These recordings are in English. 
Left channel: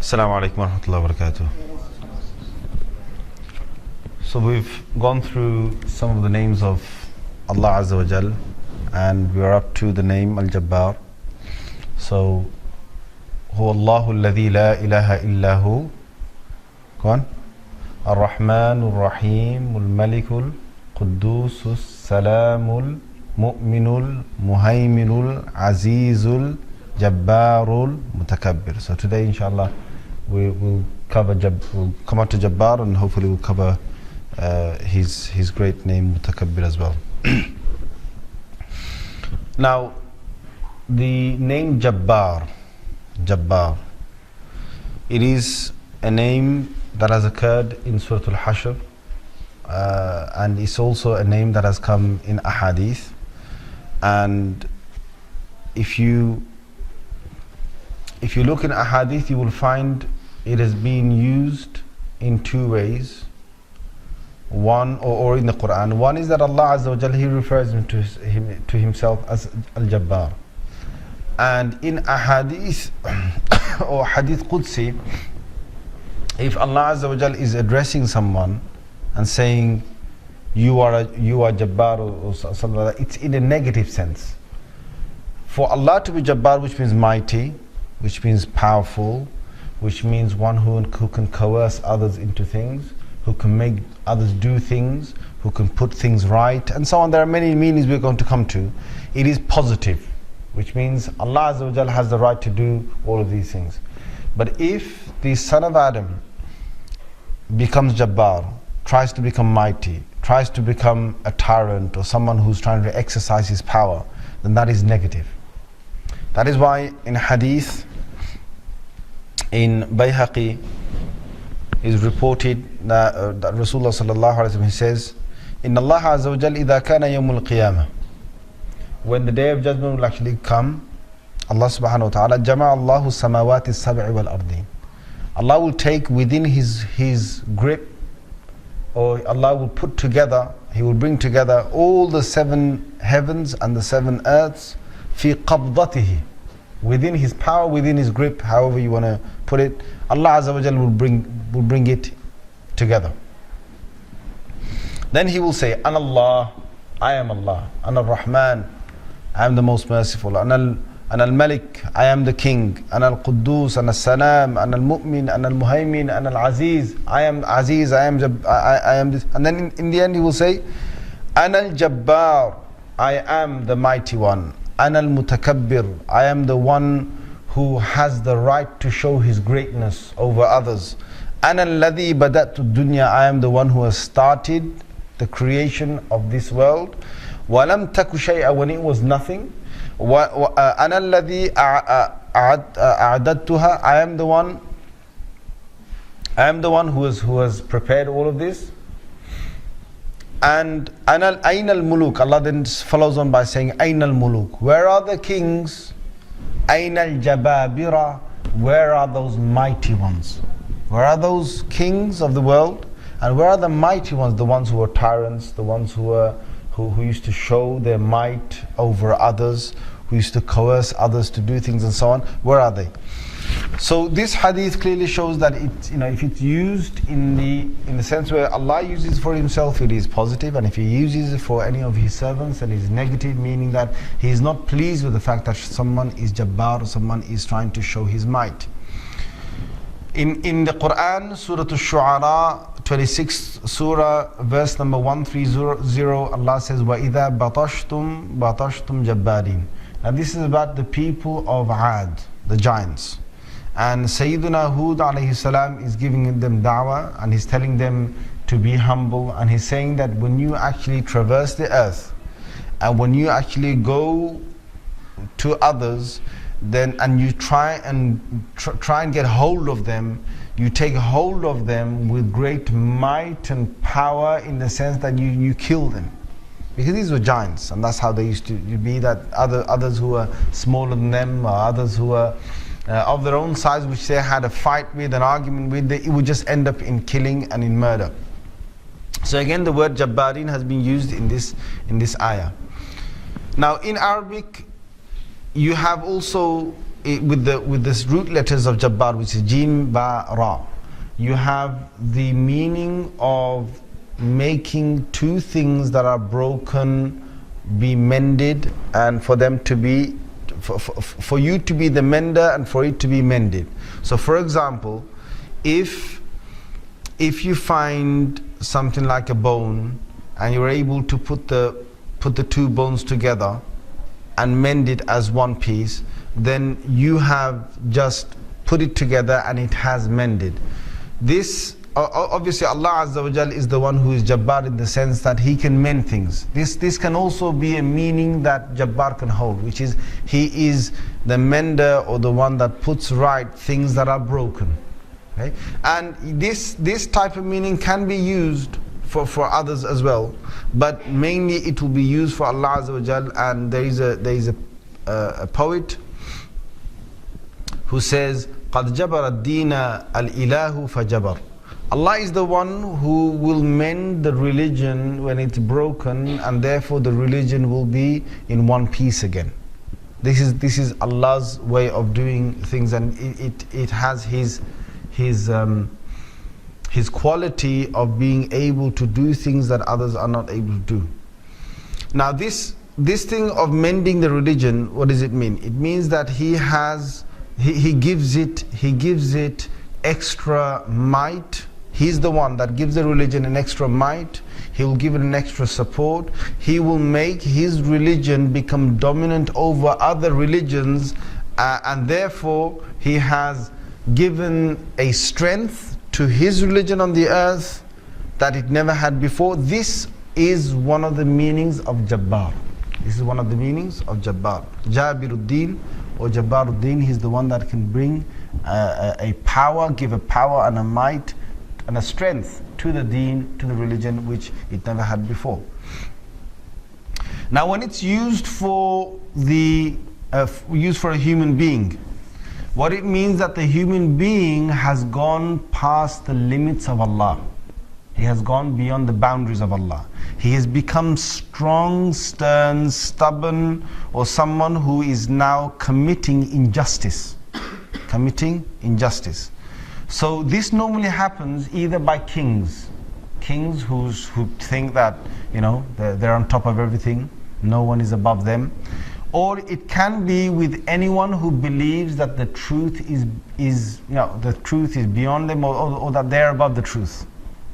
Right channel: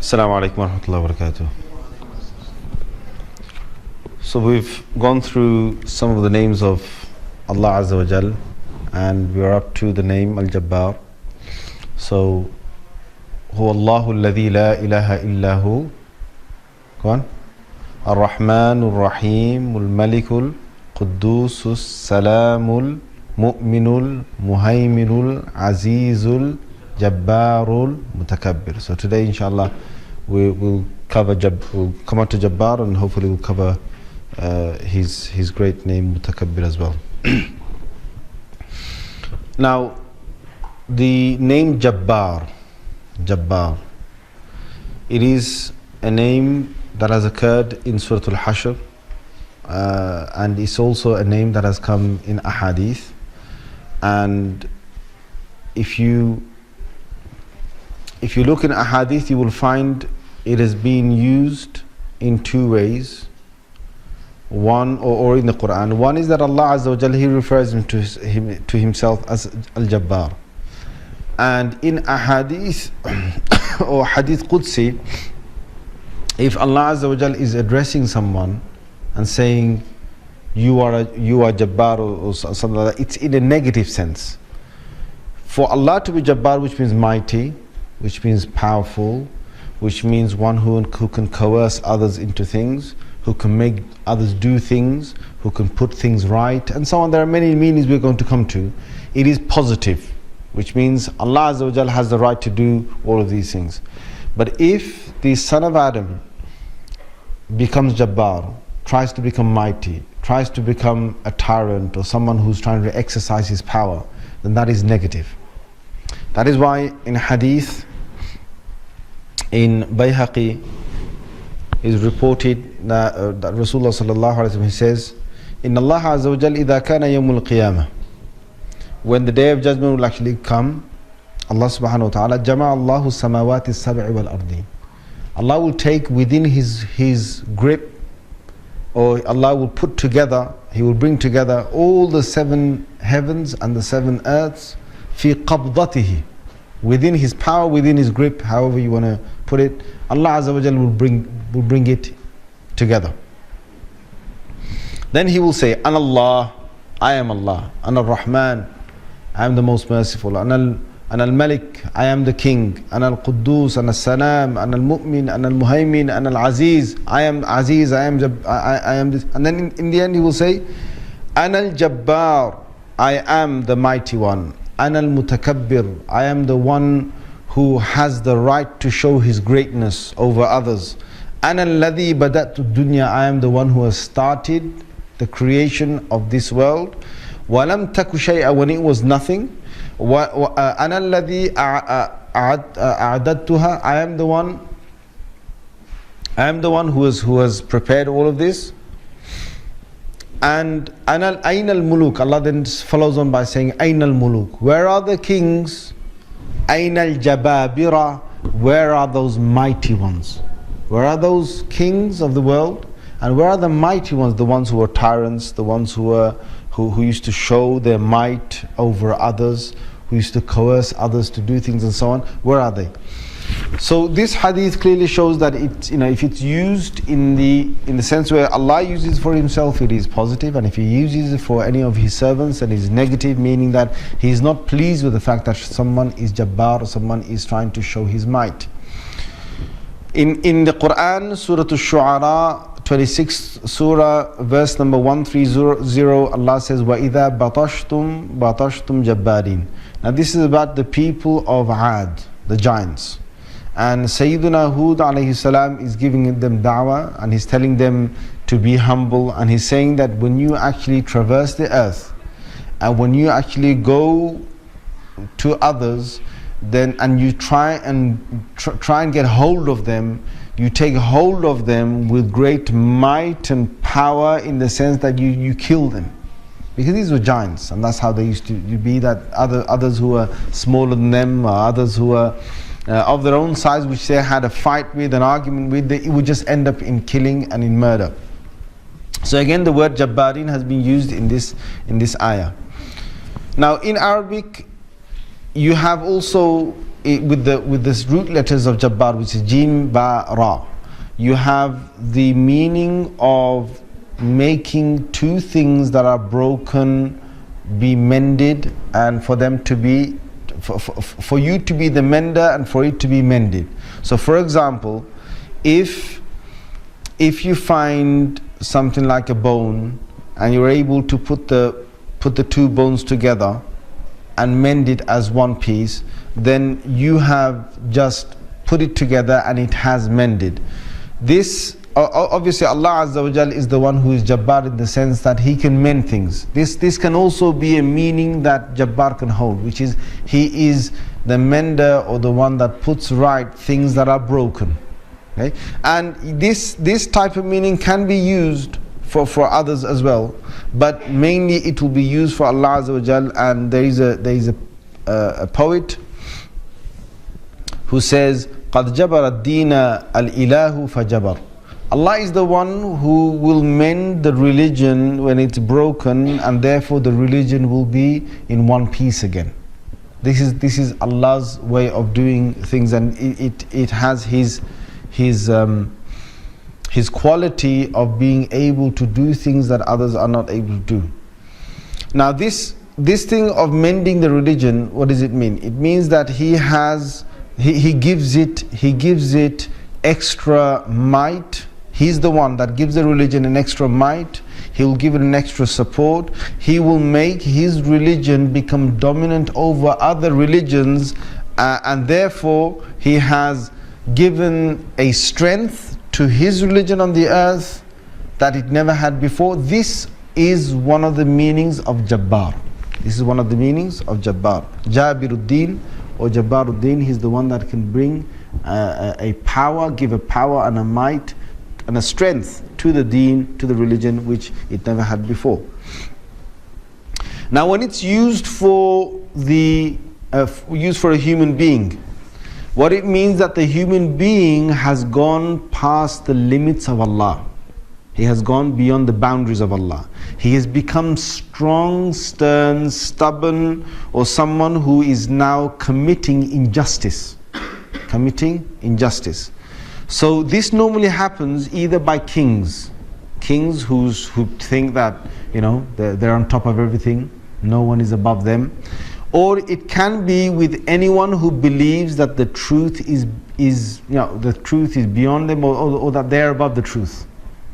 Assalamu alaikum wa rahmatullahi wa barakatuh. So we've gone through some of the names of Allah Azza wa Jal, and we are up to the name Al-Jabbar. So, Huwa Allahu alladhi la ilaha illahu. Go on. Ar-Rahman Ar-Rahim Al-Malikul Quddusus Salamul Mu'minul Muhayminul Azizul Jabbarul Mutakabbir. So today, inshallah, we will cover we'll come on to Jabbar, and hopefully we'll cover his great name Mutakabbir as well. Now, the name Jabbar, it is a name that has occurred in Surah Al-Hashr, and it's also a name that has come in Ahadith. And if you look in Ahadith, you will find it has been used in two ways. One, or in the Quran. One is that Allah Azza wa Jalla, He refers to Himself as Al-Jabbar. And in Ahadith or Hadith Qudsi, if Allah Azza wa Jalla is addressing someone and saying, you are Jabbar or something like that, it's in a negative sense. For Allah to be Jabbar, which means mighty, which means powerful, which means one who can coerce others into things, who can make others do things, who can put things right, and so on. There are many meanings we're going to come to. It is positive, which means Allah Azza wa Jal has the right to do all of these things. But if the son of Adam becomes Jabbar, tries to become mighty, tries to become a tyrant or someone who's trying to exercise his power, then that is negative. That is why in Hadith, in Bayhaqi, is reported that Rasulullah sallallahu alaihi wasallam, he says, "Inna Allah azza wa jal idha kana yawmul qiyamah." When the day of judgment will actually come, Allah subhanahu wa ta'ala jama'a Allahu samawati as-sab'i wal ardi. Allah will take within his grip, or Allah will put together, He will bring together all the seven heavens and the seven earths fi qabdatihi, within His power, within His grip, however you want to put it. Allah Azza wa Jal will bring it together. Then He will say, Ana Allah, I am Allah. Ana Ar-Rahman, I am the most merciful. Ana Al-Malik, I am the King. Ana Al-Quddus, Ana Al-Salam, Ana Al-Mu'min, Ana Al-Muhaymin, Ana Al-Aziz, I am Aziz, I am this. And then in the end He will say, Ana Al-Jabbar, I am the mighty one. Ana Al-Mutakabbir, I am the one who has the right to show his greatness over others. Ana alladhi bada'tu dunya, I am the one who has started the creation of this world. Walam taku shay'a, when it was nothing. Ana alladhi a'adadtuha, I am the one who has prepared all of this. And Ainal Muluk, Allah then follows on by saying, Ainal Muluk, where are the kings? Ainal Jabbābira, where are those mighty ones? Where are those kings of the world? And where are the mighty ones? The ones who were tyrants, the ones who used to show their might over others, who used to coerce others to do things and so on. Where are they? So this hadith clearly shows that if it's used in the sense where Allah uses it for Himself, it is positive, and if He uses it for any of His servants, then it is negative, meaning that He is not pleased with the fact that someone is Jabbar or someone is trying to show his might. In the Quran, Surah Al-Shu'ara, 26th Surah, verse number 130, Allah says, وَإِذَا بَطَشْتُمْ جَبَّارِينَ. Now this is about the people of Ad, the giants. And Sayyidina Hud alayhi salam is giving them da'wah, and he's telling them to be humble, and he's saying that when you actually traverse the earth, and when you actually go to others, then and you try and get hold of them, you take hold of them with great might and power, in the sense that you kill them. Because these were giants, and that's how they used to be, that others who were smaller than them, or others who were of their own size, which they had a fight with, an argument with, it would just end up in killing and in murder. So again, the word Jabbarin has been used in this ayah. Now in Arabic, you have also with this root letters of Jabbar, which is Jim, Ba, Ra, you have the meaning of making two things that are broken be mended, and for them to be, for you to be the mender and for it to be mended. So for example, if you find something like a bone and you're able to put the two bones together and mend it as one piece, then you have just put it together and it has mended. This, obviously Allah Azza wa Jal is the one who is Jabbar in the sense that He can mend things. This can also be a meaning that Jabbar can hold, which is He is the mender or the one that puts right things that are broken. Okay? And this type of meaning can be used for others as well, but mainly it will be used for Allah Azza wa Jal. And there is a poet who says, قَدْ جَبَرَ الدِّينَ الْإِلَهُ فَجَبَرَ. Allah is the one who will mend the religion when it's broken, and therefore the religion will be in one piece again. This is Allah's way of doing things, and it has His quality of being able to do things that others are not able to do. Now this thing of mending the religion, what does it mean? It means that He gives it extra might. He's the one that gives the religion an extra might. He will give it an extra support. He will make His religion become dominant over other religions, and therefore He has given a strength to His religion on the earth that it never had before. This is one of the meanings of Jabbar. This is one of the meanings of Jabbar. Jabiruddin or Jabbaruddin, He's the one that can bring a power, give a power and a might and a strength to the deen, to the religion, which it never had before. Now when it's used for a human being, what it means that the human being has gone past the limits of Allah. He has gone beyond the boundaries of Allah. He has become strong, stern, stubborn, or someone who is now committing injustice. Committing injustice. So this normally happens either by kings who think that they're on top of everything, no one is above them, or it can be with anyone who believes that the truth is the truth is beyond them, or that they're above the truth.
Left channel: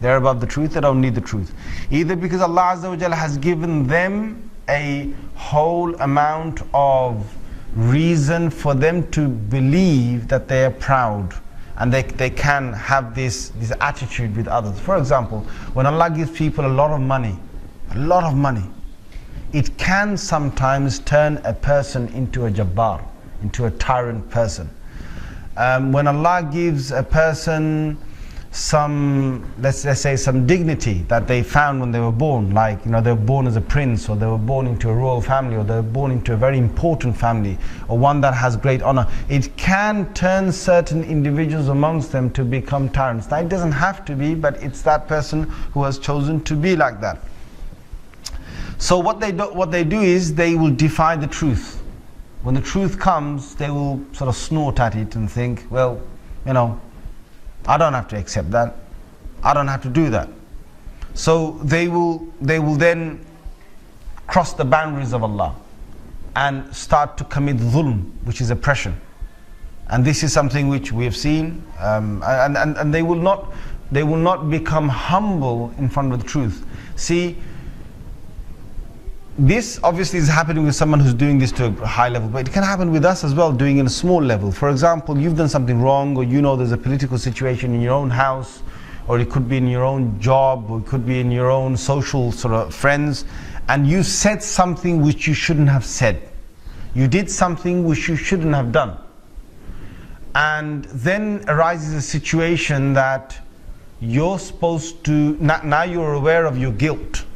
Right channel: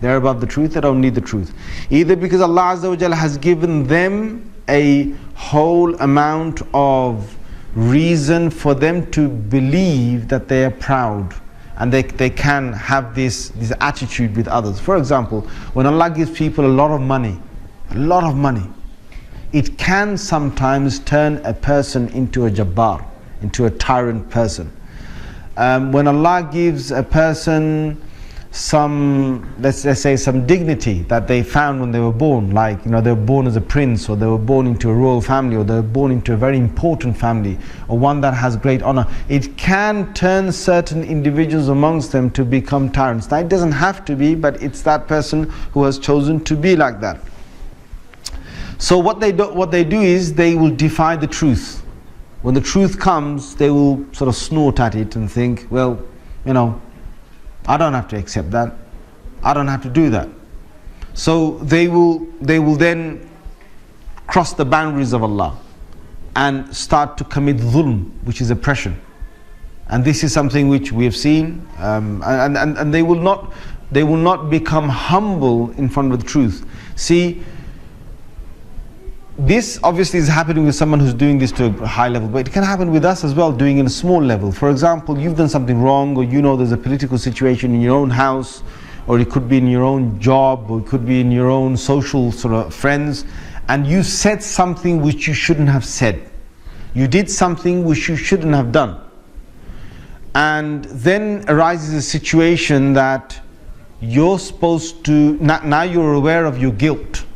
They're above the truth, they don't need the truth. Either because Allah Azza wa Jalla has given them a whole amount of reason for them to believe that they are proud, and they can have this attitude with others. For example, when Allah gives people a lot of money, it can sometimes turn a person into a Jabbar, into a tyrant person. When Allah gives a person some, let's say, some dignity that they found when they were born, like they were born as a prince, or they were born into a royal family, or they were born into a very important family, or one that has great honor, it can turn certain individuals amongst them to become tyrants. Now it doesn't have to be, but it's that person who has chosen to be like that. So what they do is they will defy the truth. When the truth comes, they will sort of snort at it and think, well, I don't have to accept that. I don't have to do that. So they will then cross the boundaries of Allah and start to commit dhulm, which is oppression. And this is something which we have seen, and they will not become humble in front of the truth. See, this obviously is happening with someone who's doing this to a high level, but it can happen with us as well, doing it in a small level. For example, you've done something wrong, or there's a political situation in your own house, or it could be in your own job, or it could be in your own social sort of friends, and you said something which you shouldn't have said. You did something which you shouldn't have done. And then arises a situation that you're supposed to, now you're aware of your guilt.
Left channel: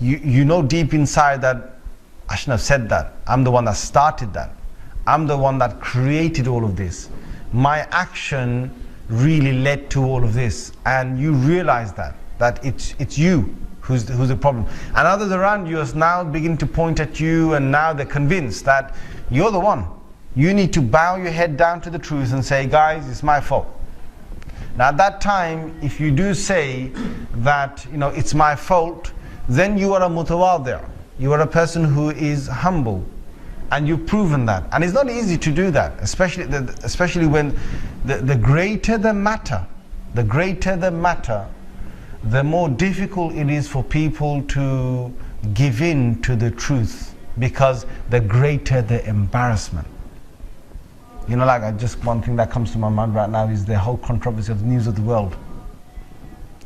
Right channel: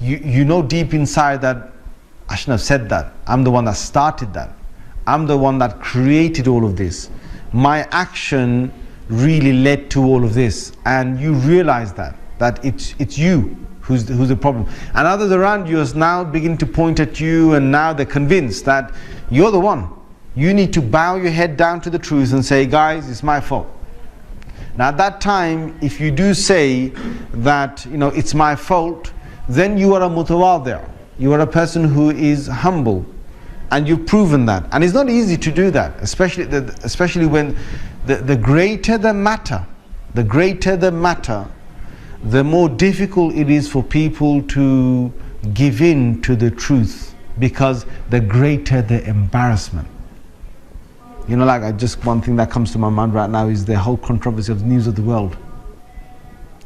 You know deep inside that I shouldn't have said that. I'm the one that started that. I'm the one that created all of this. My action really led to all of this, and you realize that it's you who's the problem. And others around you are now beginning to point at you, and now they're convinced that you're the one. You need to bow your head down to the truth and say, guys, it's my fault. Now at that time, if you do say that, it's my fault, then you are a mutawadi'. You are a person who is humble. And you've proven that. And it's not easy to do that, especially when the greater the matter, the more difficult it is for people to give in to the truth, because the greater the embarrassment. One thing that comes to my mind right now is the whole controversy of the News of the World.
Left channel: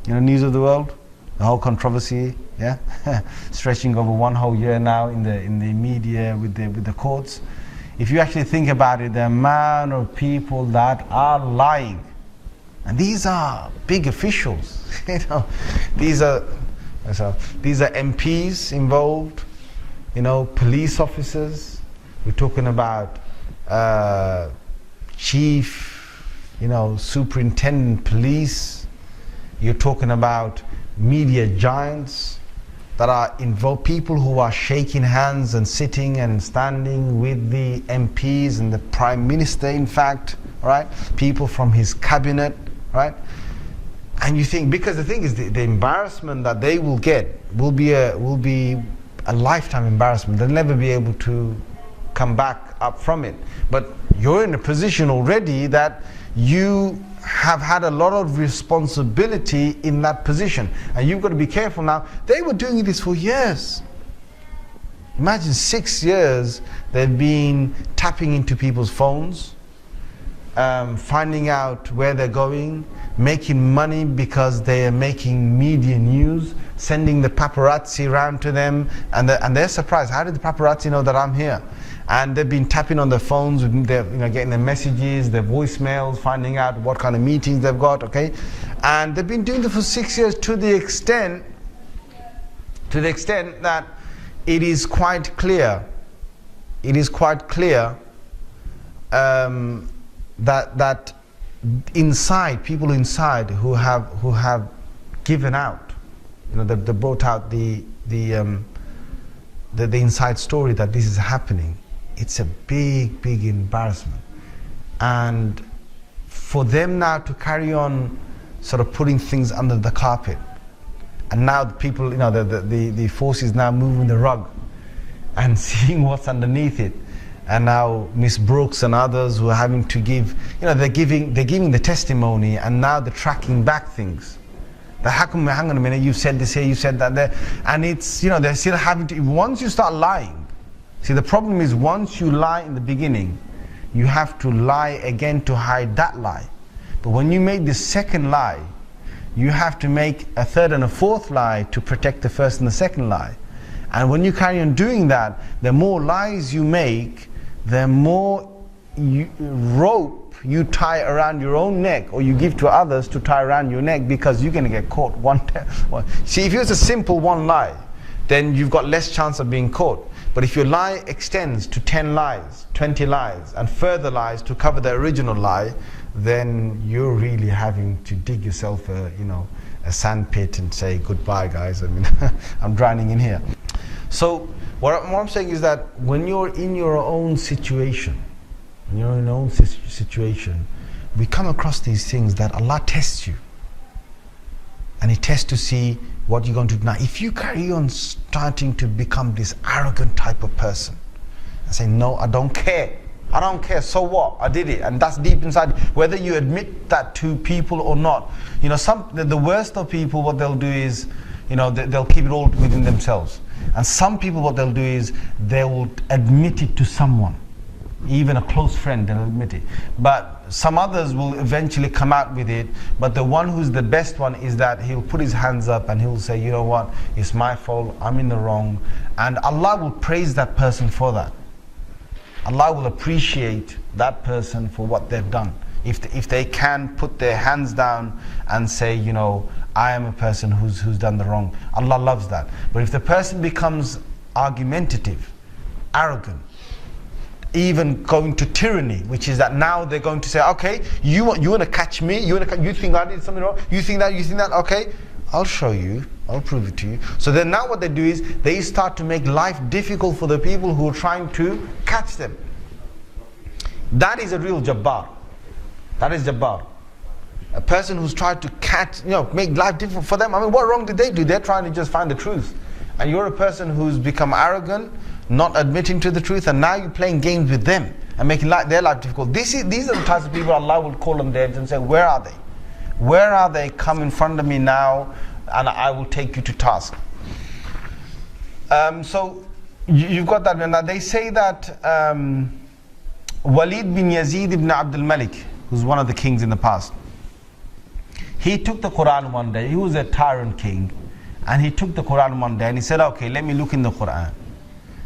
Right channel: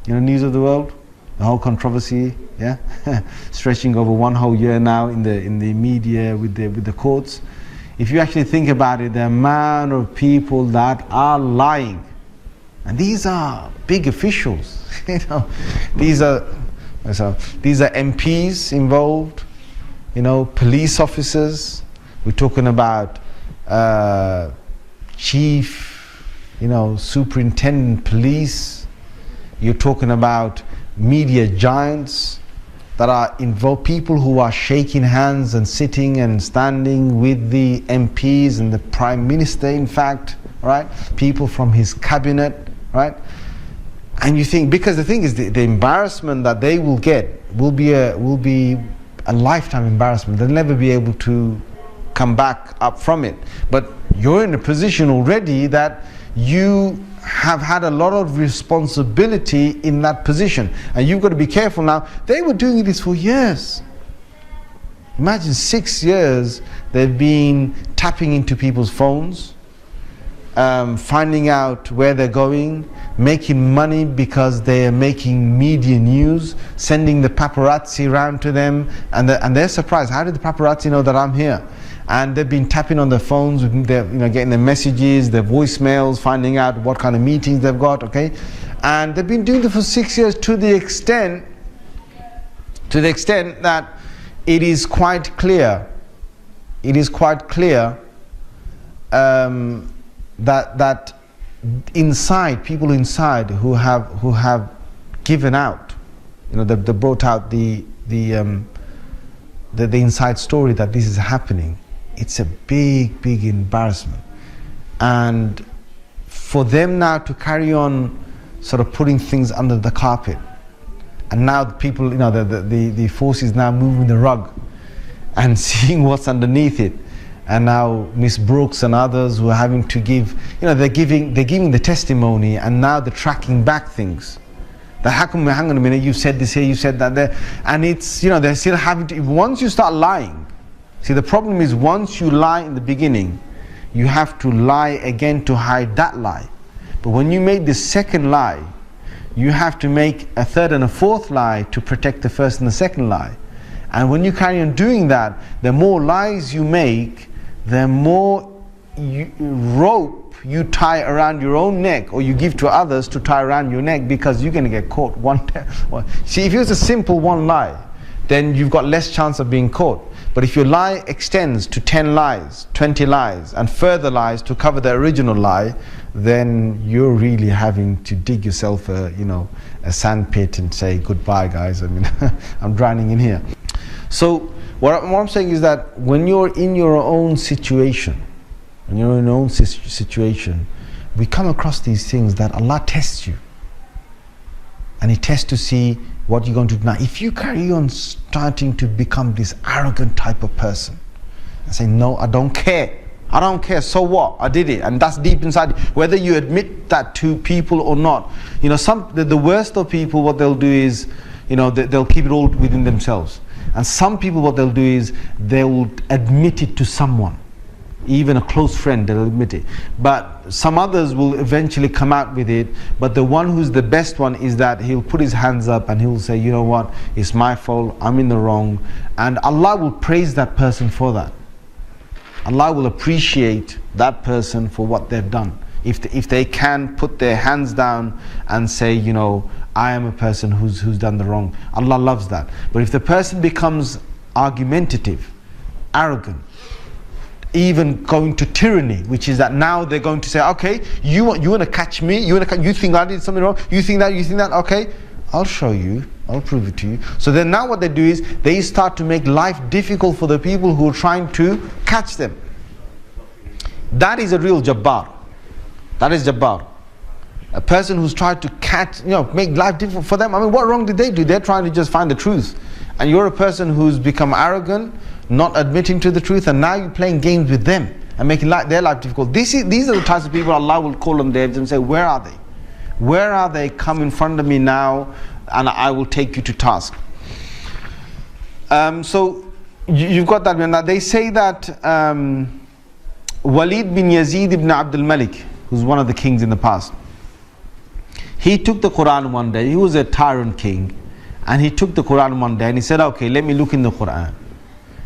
News of the World? The whole controversy, yeah, stretching over one whole year now in the media with the courts. If you actually think about it, the amount of people that are lying, and these are big officials, these are MPs involved, police officers. We're talking about chief, superintendent police. You're talking about media giants that are involved, people who are shaking hands and sitting and standing with the MPs and the Prime Minister, in fact, right? People from his cabinet, right? And you think, because the thing is, the embarrassment that they will get will be a lifetime embarrassment. They'll never be able to come back up from it. But you're in a position already that you have had a lot of responsibility in that position, and you've got to be careful now. They were doing this for years. Imagine 6 years they've been tapping into people's phones, finding out where they're going, making money because they are making media news, sending the paparazzi around to them, and they're surprised. How did the paparazzi know that I'm here? And they've been tapping on their phones, they're getting their messages, their voicemails, finding out what kind of meetings they've got, okay? And they've been doing it for 6 years to the extent that it is quite clear, that inside, people inside who have given out, they brought out the inside story that this is happening. It's a big, big embarrassment. And for them now to carry on sort of putting things under the carpet, and now the people, the forces now moving the rug and seeing what's underneath it. And now Miss Brooks and others who are having to give, they're giving the testimony, and now they're tracking back things. How come, hang on a minute, you said this here, you said that there. And it's, they're still having to, once you start lying, see, the problem is once you lie in the beginning, you have to lie again to hide that lie. But when you make the second lie, you have to make a third and a fourth lie to protect the first and the second lie. And when you carry on doing that, the more lies you make, the more rope you tie around your own neck, or you give to others to tie around your neck, because you're going to get caught See, if it was a simple one lie, then you've got less chance of being caught. But if your lie extends to 10 lies, 20 lies, and further lies to cover the original lie, then you're really having to dig yourself a sand pit and say, goodbye guys, I'm drowning in here. So what I'm saying is that when you're in your own situation, we come across these things that Allah tests you. And He tests to see what you're going to do. Now, if you carry on starting to become this arrogant type of person, and say, no, I don't care, so what? I did it. And that's deep inside you. Whether you admit that to people or not. The worst of people, what they'll do is, they'll keep it all within themselves. And some people, what they'll do is, they will admit it to someone. Even a close friend, they'll admit it. But some others will eventually come out with it. But the one who's the best one is that he'll put his hands up and he'll say, you know what, it's my fault, I'm in the wrong. And Allah will praise that person for that. Allah will appreciate that person for what they've done. If they can put their hands down and say, I am a person who's done the wrong. Allah loves that. But if the person becomes argumentative, arrogant, even going to tyranny, which is that now they're going to say, okay, you want to catch me, you think I did something wrong, you think that, okay, I'll show you, I'll prove it to you. So then now what they do is, they start to make life difficult for the people who are trying to catch them. That is a real Jabbar. That is Jabbar. A person who's tried to make life difficult for them. I mean, what wrong did they do? They're trying to just find the truth. And you're a person who's become arrogant, not admitting to the truth, and now you're playing games with them and making their life difficult. These are the types of people Allah will call on their and say, where are they? Where are they? Come in front of me now, and I will take you to task. So you've got that. Now they say that Walid bin Yazid ibn Abdul Malik, who's one of the kings in the past, he took the Quran one day. He was a tyrant king, and he took the Quran one day and he said, okay, let me look in the Quran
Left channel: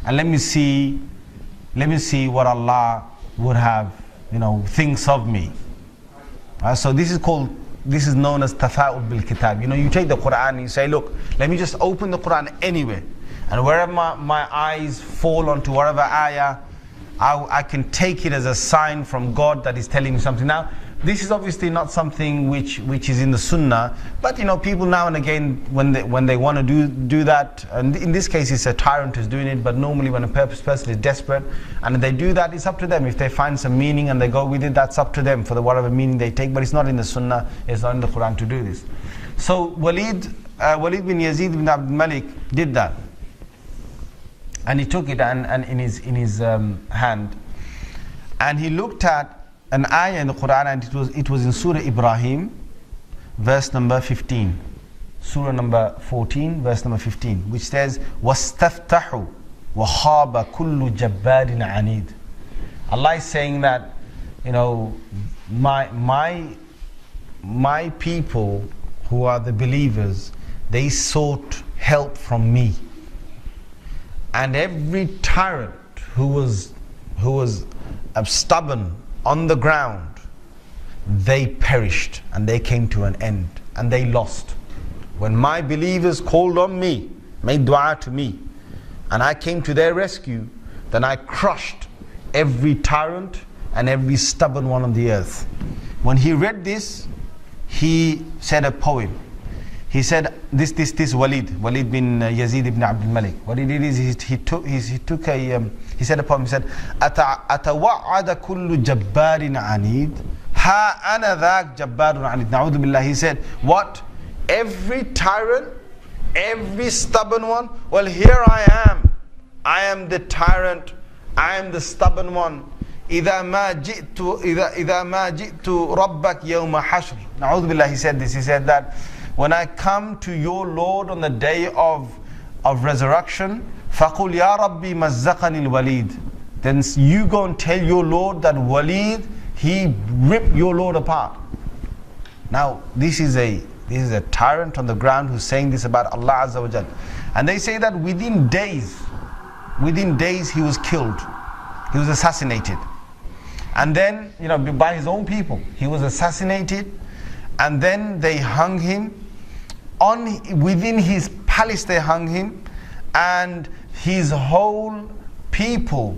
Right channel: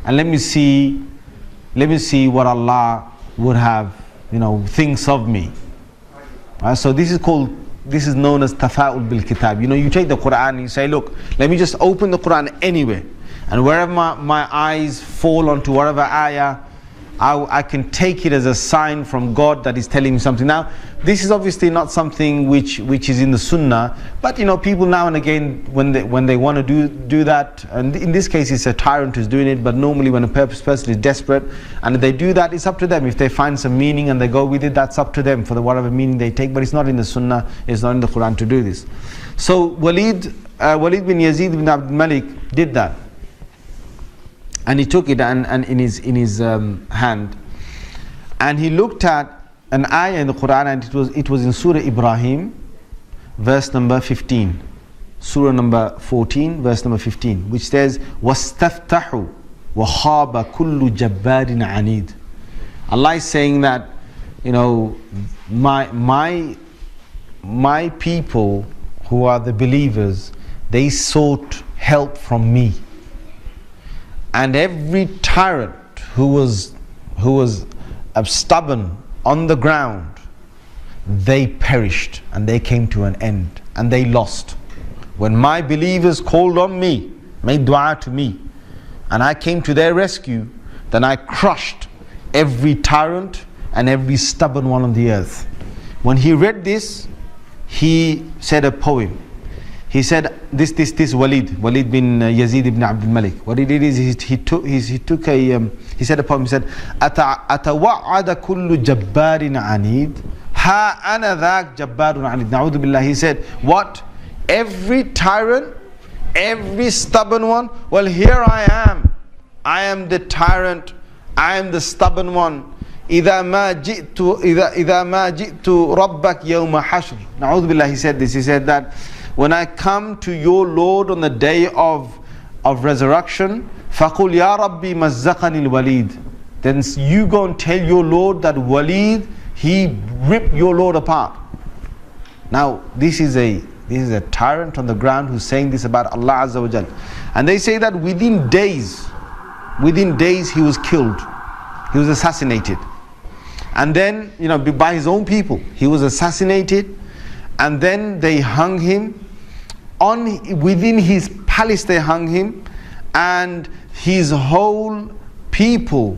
and let me see what Allah would have, thinks of me. So this is known as tafa'ul bil kitab. You take the Quran and you say, look, let me just open the Quran anywhere, and wherever my eyes fall onto whatever ayah, I can take it as a sign from God that is telling me something. Now, this is obviously not something which is in the Sunnah, but people now and again, when they want to do that, and in this case it's a tyrant who's doing it, but normally when a person is desperate and they do that, it's up to them. If they find some meaning and they go with it, that's up to them for whatever meaning they take, but it's not in the Sunnah, it's not in the Quran to do this. So Walid bin Yazid bin Abdul Malik did that. And he took it and in his hand, and he looked at an ayah in the Quran, and it was in Surah Ibrahim, verse number 15, Surah number 14, verse number 15, which says, وَاسْتَفْتَحُوا وَخَابَ كُلُّ جَبَّارٍ عَنِيدٍ. Allah is saying that, my people who are the believers, they sought help from me. And every tyrant who was stubborn on the ground, they perished and they came to an end and they lost. When my believers called on me, made dua to me, and I came to their rescue, then I crushed every tyrant and every stubborn one on the earth. When he read this, he said a poem. He said, this Walid bin Yazid ibn Abdul Malik, what he did is he said a poem. He said, أَتَوَعَّدَ كُلُّ جَبَّارٍ عَنِيدٍ هَا أَنَا ذَاكَ جَبَّارٌ عَنِيدٍ. Na'udhu billah. He said, what? Every tyrant, every stubborn one, well, here I am. I am the tyrant, I am the stubborn one. إِذَا مَا جِئْتُ رَبَّكَ يَوْمَ حَشْرٍ. Na'udhu billah. He said this. He said that when I come to your Lord on the day of resurrection, فَقُلْ يَا رَبِّي مَزَّقَنِ الْوَلِيدِ. Then you go and tell your Lord that Walid, he ripped your Lord apart. Now, this is a tyrant on the ground who's saying this about Allah Azza wa Jal. And they say that within days he was killed. He was assassinated. And then, by his own people, he was assassinated. And then they hung him. Within his palace they hung him, and his whole people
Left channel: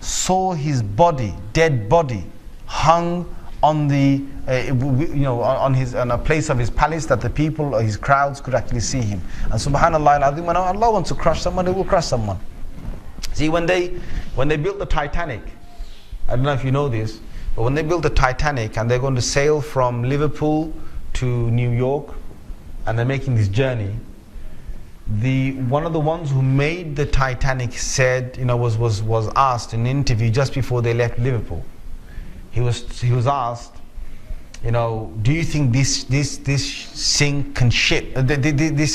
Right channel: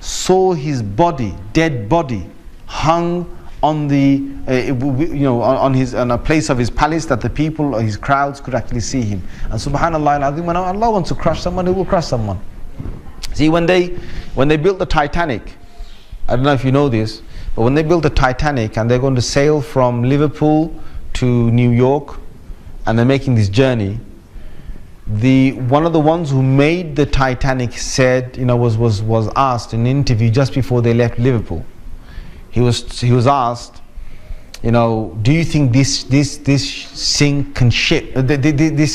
saw his body, dead body, hung on on a place of his palace that the people or his crowds could actually see him. And subhanallah al-azim, when Allah wants to crush someone, he will crush someone. See, when they built the Titanic, I don't know if you know this, but when they built the Titanic and they're going to sail from Liverpool to New York, and they're making this journey, one of the ones who made the Titanic said, was asked in an interview just before they left Liverpool. He was asked, do you think this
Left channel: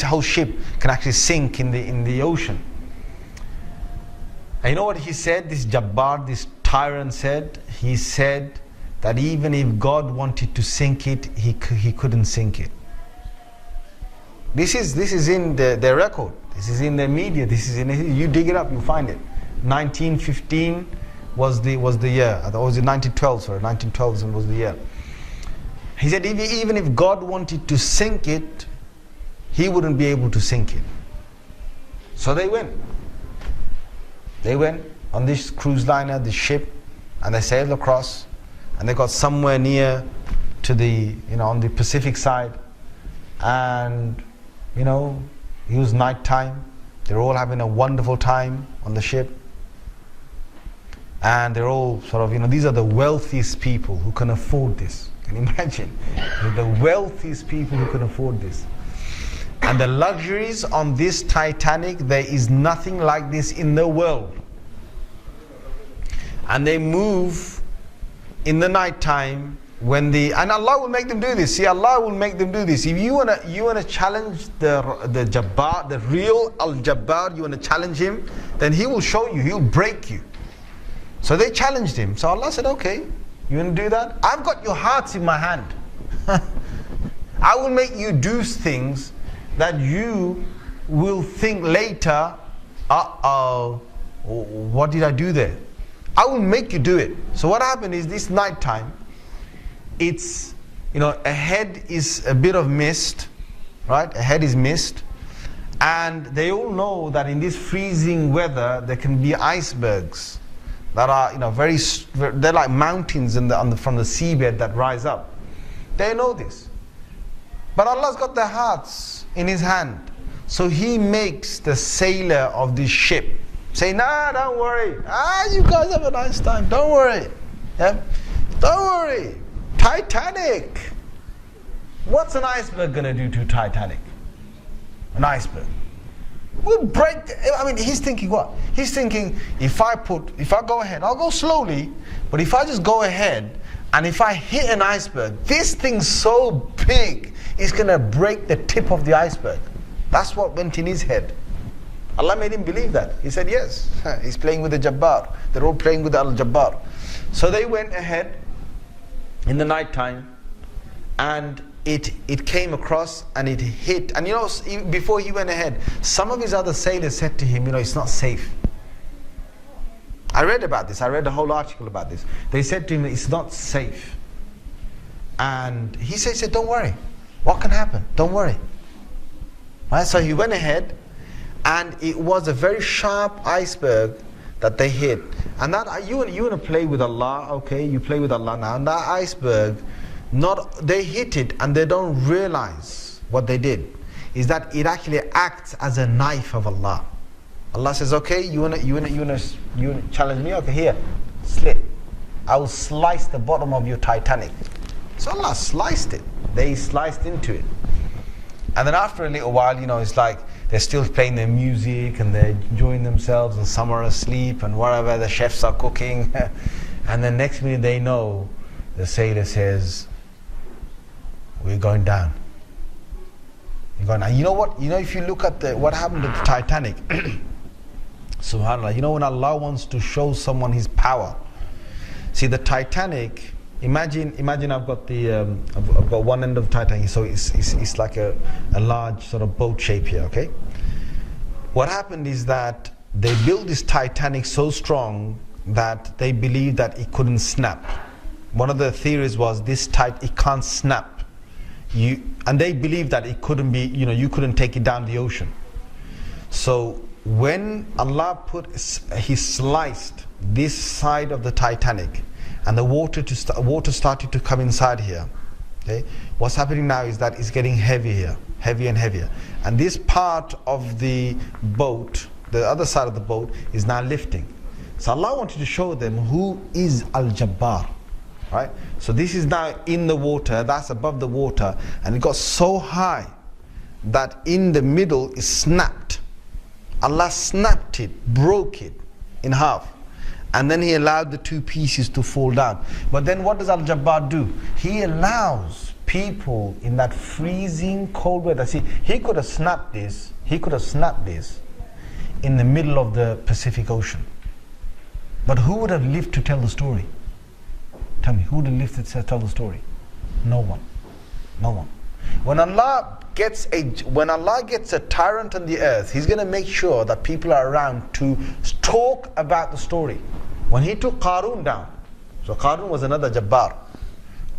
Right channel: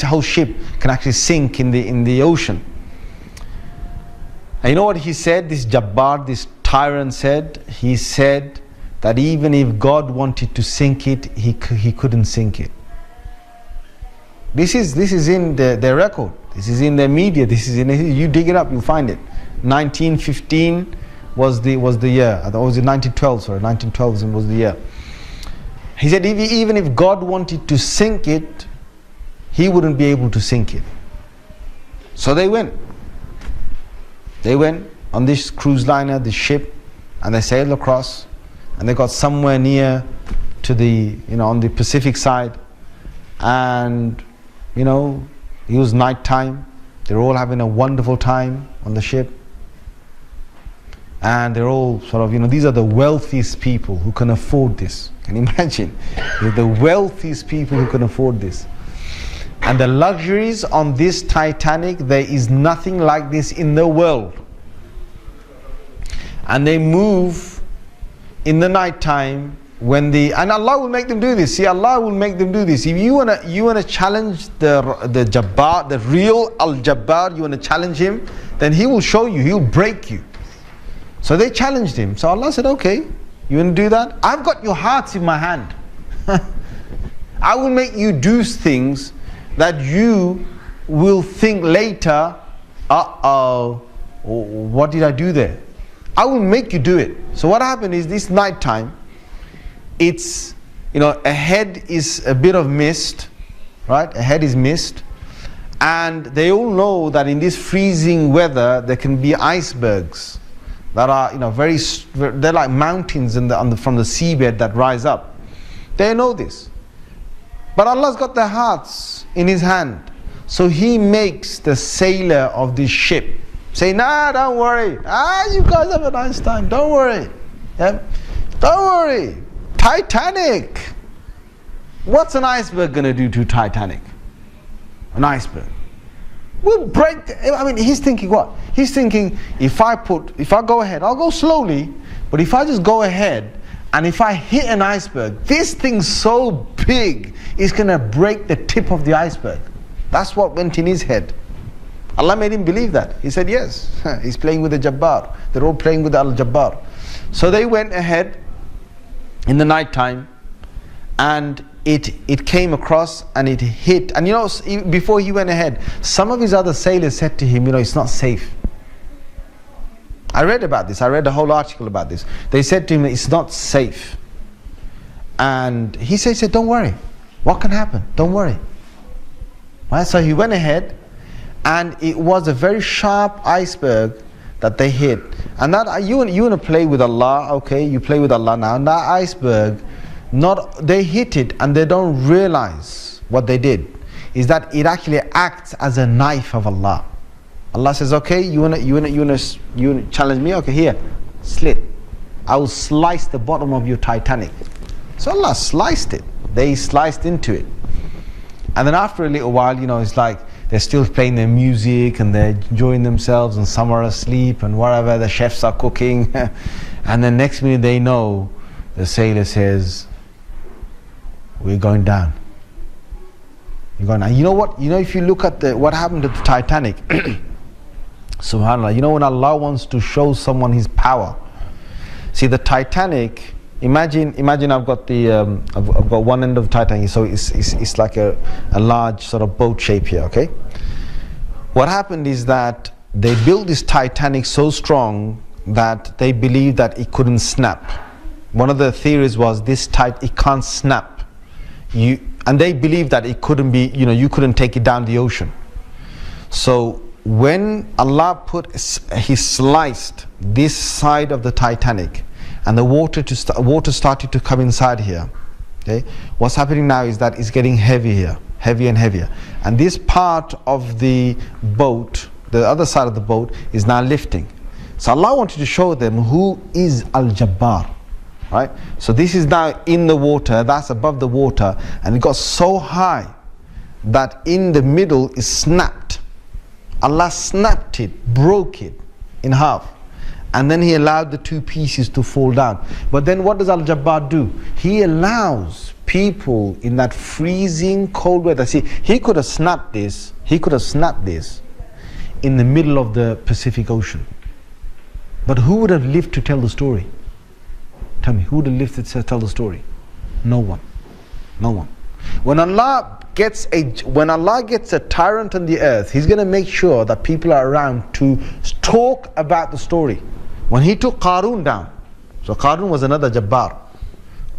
whole ship can actually sink in the ocean? And you know what he said? This Jabbar, this tyrant said. He said that even if God wanted to sink it, he couldn't sink it. This is in their record. This is in their media. You dig it up, you'll find it. 1915 was the year. Or was it 1912? Sorry, 1912 was the year. He said even if God wanted to sink it, he wouldn't be able to sink it. So they went. They went on this cruise liner, this ship, and they sailed across, and they got somewhere near to on the Pacific side, and it was night time. They were all having a wonderful time on the ship. And they're all sort of, these are the wealthiest people who can afford this. Can you imagine? They're the wealthiest people who can afford this. And the luxuries on this Titanic, there is nothing like this in the world. And they move in the night time and Allah will make them do this. See, Allah will make them do this. If you wanna challenge the Jabbar, the real Al-Jabbar, you wanna challenge him, then he will show you, he'll break you. So they challenged him. So Allah said, okay, you want to do that? I've got your hearts in my hand. I will make you do things that you will think later, what did I do there? I will make you do it. So what happened is this night time, it's, ahead is a bit of mist, right? Ahead is mist. And they all know that in this freezing weather, there can be icebergs that are, they're like mountains from the seabed that rise up. They know this. But Allah's got their hearts in His hand. So He makes the sailor of this ship say, nah, don't worry. You guys have a nice time. Don't worry. Yeah? Don't worry. Titanic. What's an iceberg going to do to Titanic? An iceberg. We'll break. He's thinking what? He's thinking, if I go ahead, I'll go slowly, but if I just go ahead, and if I hit an iceberg, this thing's so big, it's going to break the tip of the iceberg. That's what went in his head. Allah made him believe that. He said, yes, he's playing with the Jabbar. They're all playing with Al-Jabbar. So they went ahead in the night time, and it came across and it hit. And before he went ahead, some of his other sailors said to him, it's not safe. I read about this. I read a whole article about this. They said to him, it's not safe. And he said, don't worry. What can happen? Don't worry. Right? So he went ahead, and it was a very sharp iceberg that they hit. And that you want to play with Allah, okay? You play with Allah now. And that iceberg, they hit it and they don't realize what they did. Is that it actually acts as a knife of Allah. Allah says, okay, you wanna challenge me? Okay, here, slit. I will slice the bottom of your Titanic. So Allah sliced it. They sliced into it. And then after a little while, it's like they're still playing their music and they're enjoying themselves, and some are asleep and whatever, the chefs are cooking. And then next minute they know, the sailor says, we're going down. You're going down. You know what? If you look at what happened to the Titanic, subhanAllah, when Allah wants to show someone His power. See, the Titanic, imagine I've got I've got one end of the Titanic, so it's like a large sort of boat shape here, okay? What happened is that they built this Titanic so strong that they believed that it couldn't snap. One of the theories was it can't snap. And they believed that it couldn't be, you couldn't take it down the ocean. So when Allah He sliced this side of the Titanic, and the water started to come inside here. Okay, what's happening now is that it's getting heavier and heavier, and this part of the boat, the other side of the boat, is now lifting. So Allah wanted to show them who is Al-Jabbar. Right? So this is now in the water, that's above the water, and it got so high that in the middle is snapped. Allah snapped it, broke it in half, and then He allowed the two pieces to fall down. But then what does Al-Jabbar do? He allows people in that freezing cold weather. See, He could have snapped this in the middle of the Pacific Ocean. But who would have lived to tell the story? Tell me, who would have lived to tell the story? No one. No one. When Allah gets a tyrant on the earth, He's going to make sure that people are around to talk about the story. When He took Qarun down, so Qarun was another Jabbar.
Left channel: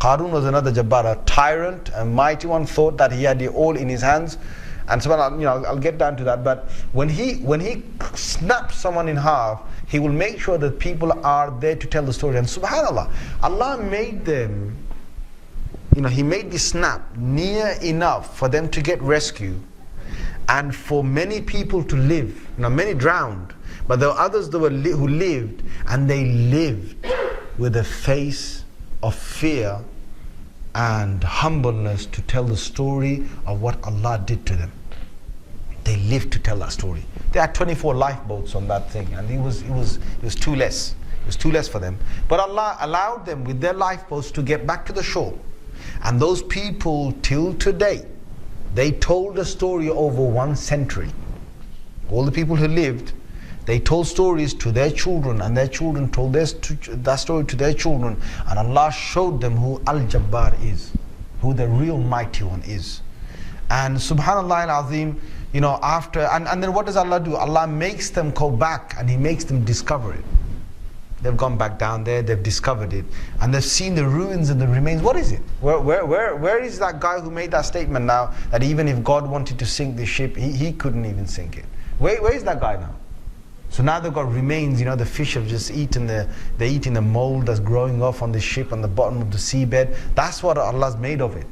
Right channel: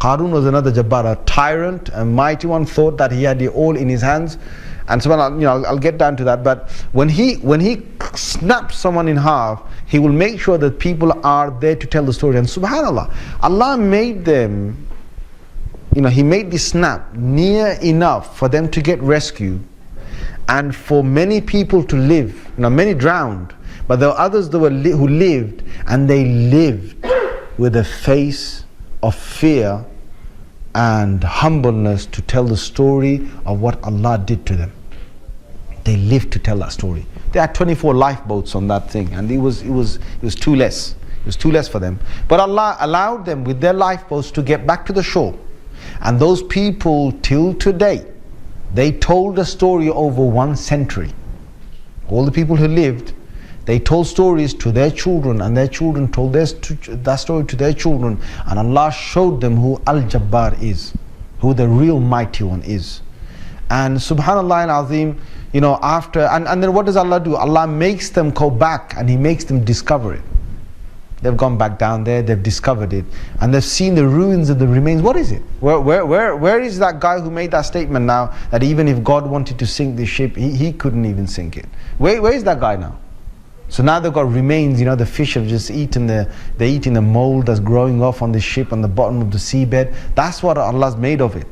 A tyrant, a mighty one, thought that he had it all in his hands. And so I'll get down to that. But when he snaps someone in half, He will make sure that people are there to tell the story. And subhanAllah, Allah made them, He made this snap near enough for them to get rescued. and for many people to live. Now many drowned, but there were others who lived, and they lived with a face of fear and humbleness to tell the story of what Allah did to them. They lived to tell that story. They had 24 lifeboats on that thing, and it was too less. It was too less for them. But Allah allowed them with their lifeboats to get back to the shore. And those people, till today, they told the story over 1 century. All the people who lived, they told stories to their children, and their children told that story to their children. And Allah showed them who Al-Jabbar is, who the real mighty one is. And subhanallah al-azim, after, and then what does Allah do? Allah makes them go back, and He makes them discover it. They've gone back down there, they've discovered it, and they've seen the ruins and the remains. What is it? Where is that guy who made that statement now, that even if God wanted to sink the ship, he couldn't even sink it? Where is that guy now? So now they've got remains, the fish have just eaten they're eating the mold that's growing off on the ship on the bottom of the seabed. That's what Allah's made of it.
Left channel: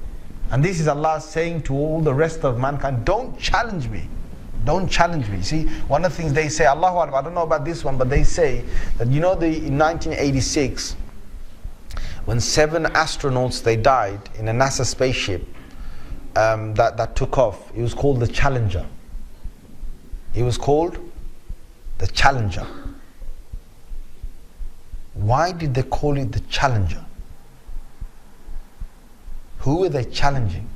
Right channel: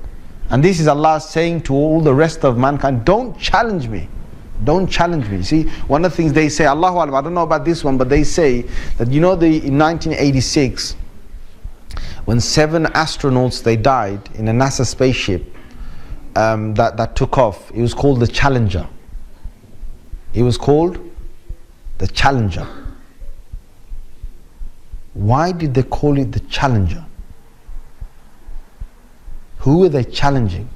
And this is Allah saying to all the rest of mankind, don't challenge me. Don't challenge me. See, one of the things they say, Allahu Alam, I don't know about this one, but they say that in 1986, when 7 astronauts, they died in a NASA spaceship that took off. It was called the Challenger. It was called the Challenger. Why did they call it the Challenger? Who were they challenging?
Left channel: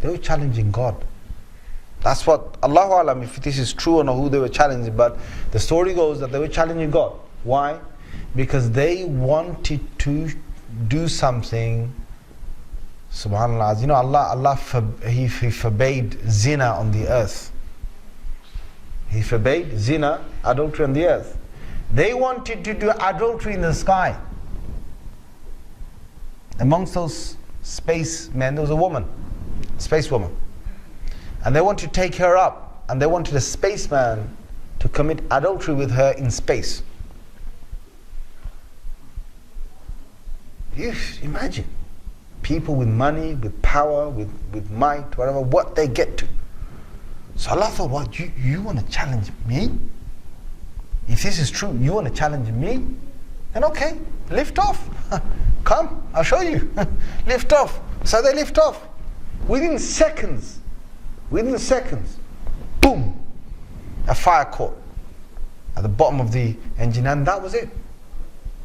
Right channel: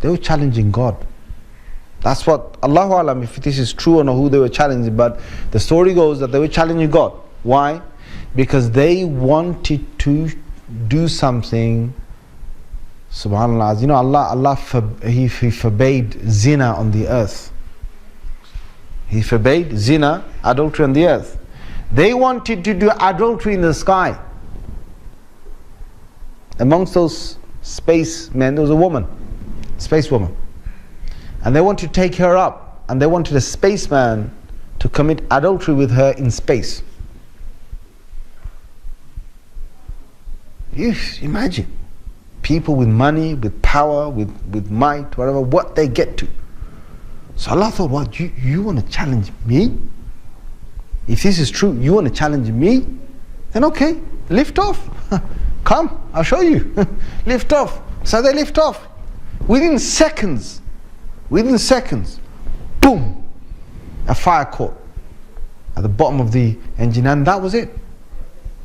They were challenging God. That's what, Allahu Alam, if this is true or not, who they were challenging, but the story goes that they were challenging God. Why? Because they wanted to do something, subhanAllah, Allah He forbade zina on the earth. He forbade zina, adultery on the earth. They wanted to do adultery in the sky. Amongst those spacemen, there was a woman, space woman. And they wanted to take her up, and they wanted a spaceman to commit adultery with her in space. You imagine people with money, with power, with might, whatever, what they get to. So Allah thought, what, you want to challenge me? If this is true, you want to challenge me? Then okay, lift off. Come, I'll show you. Lift off. So they lift off. Within seconds, boom, a fire caught at the bottom of the engine, and that was it.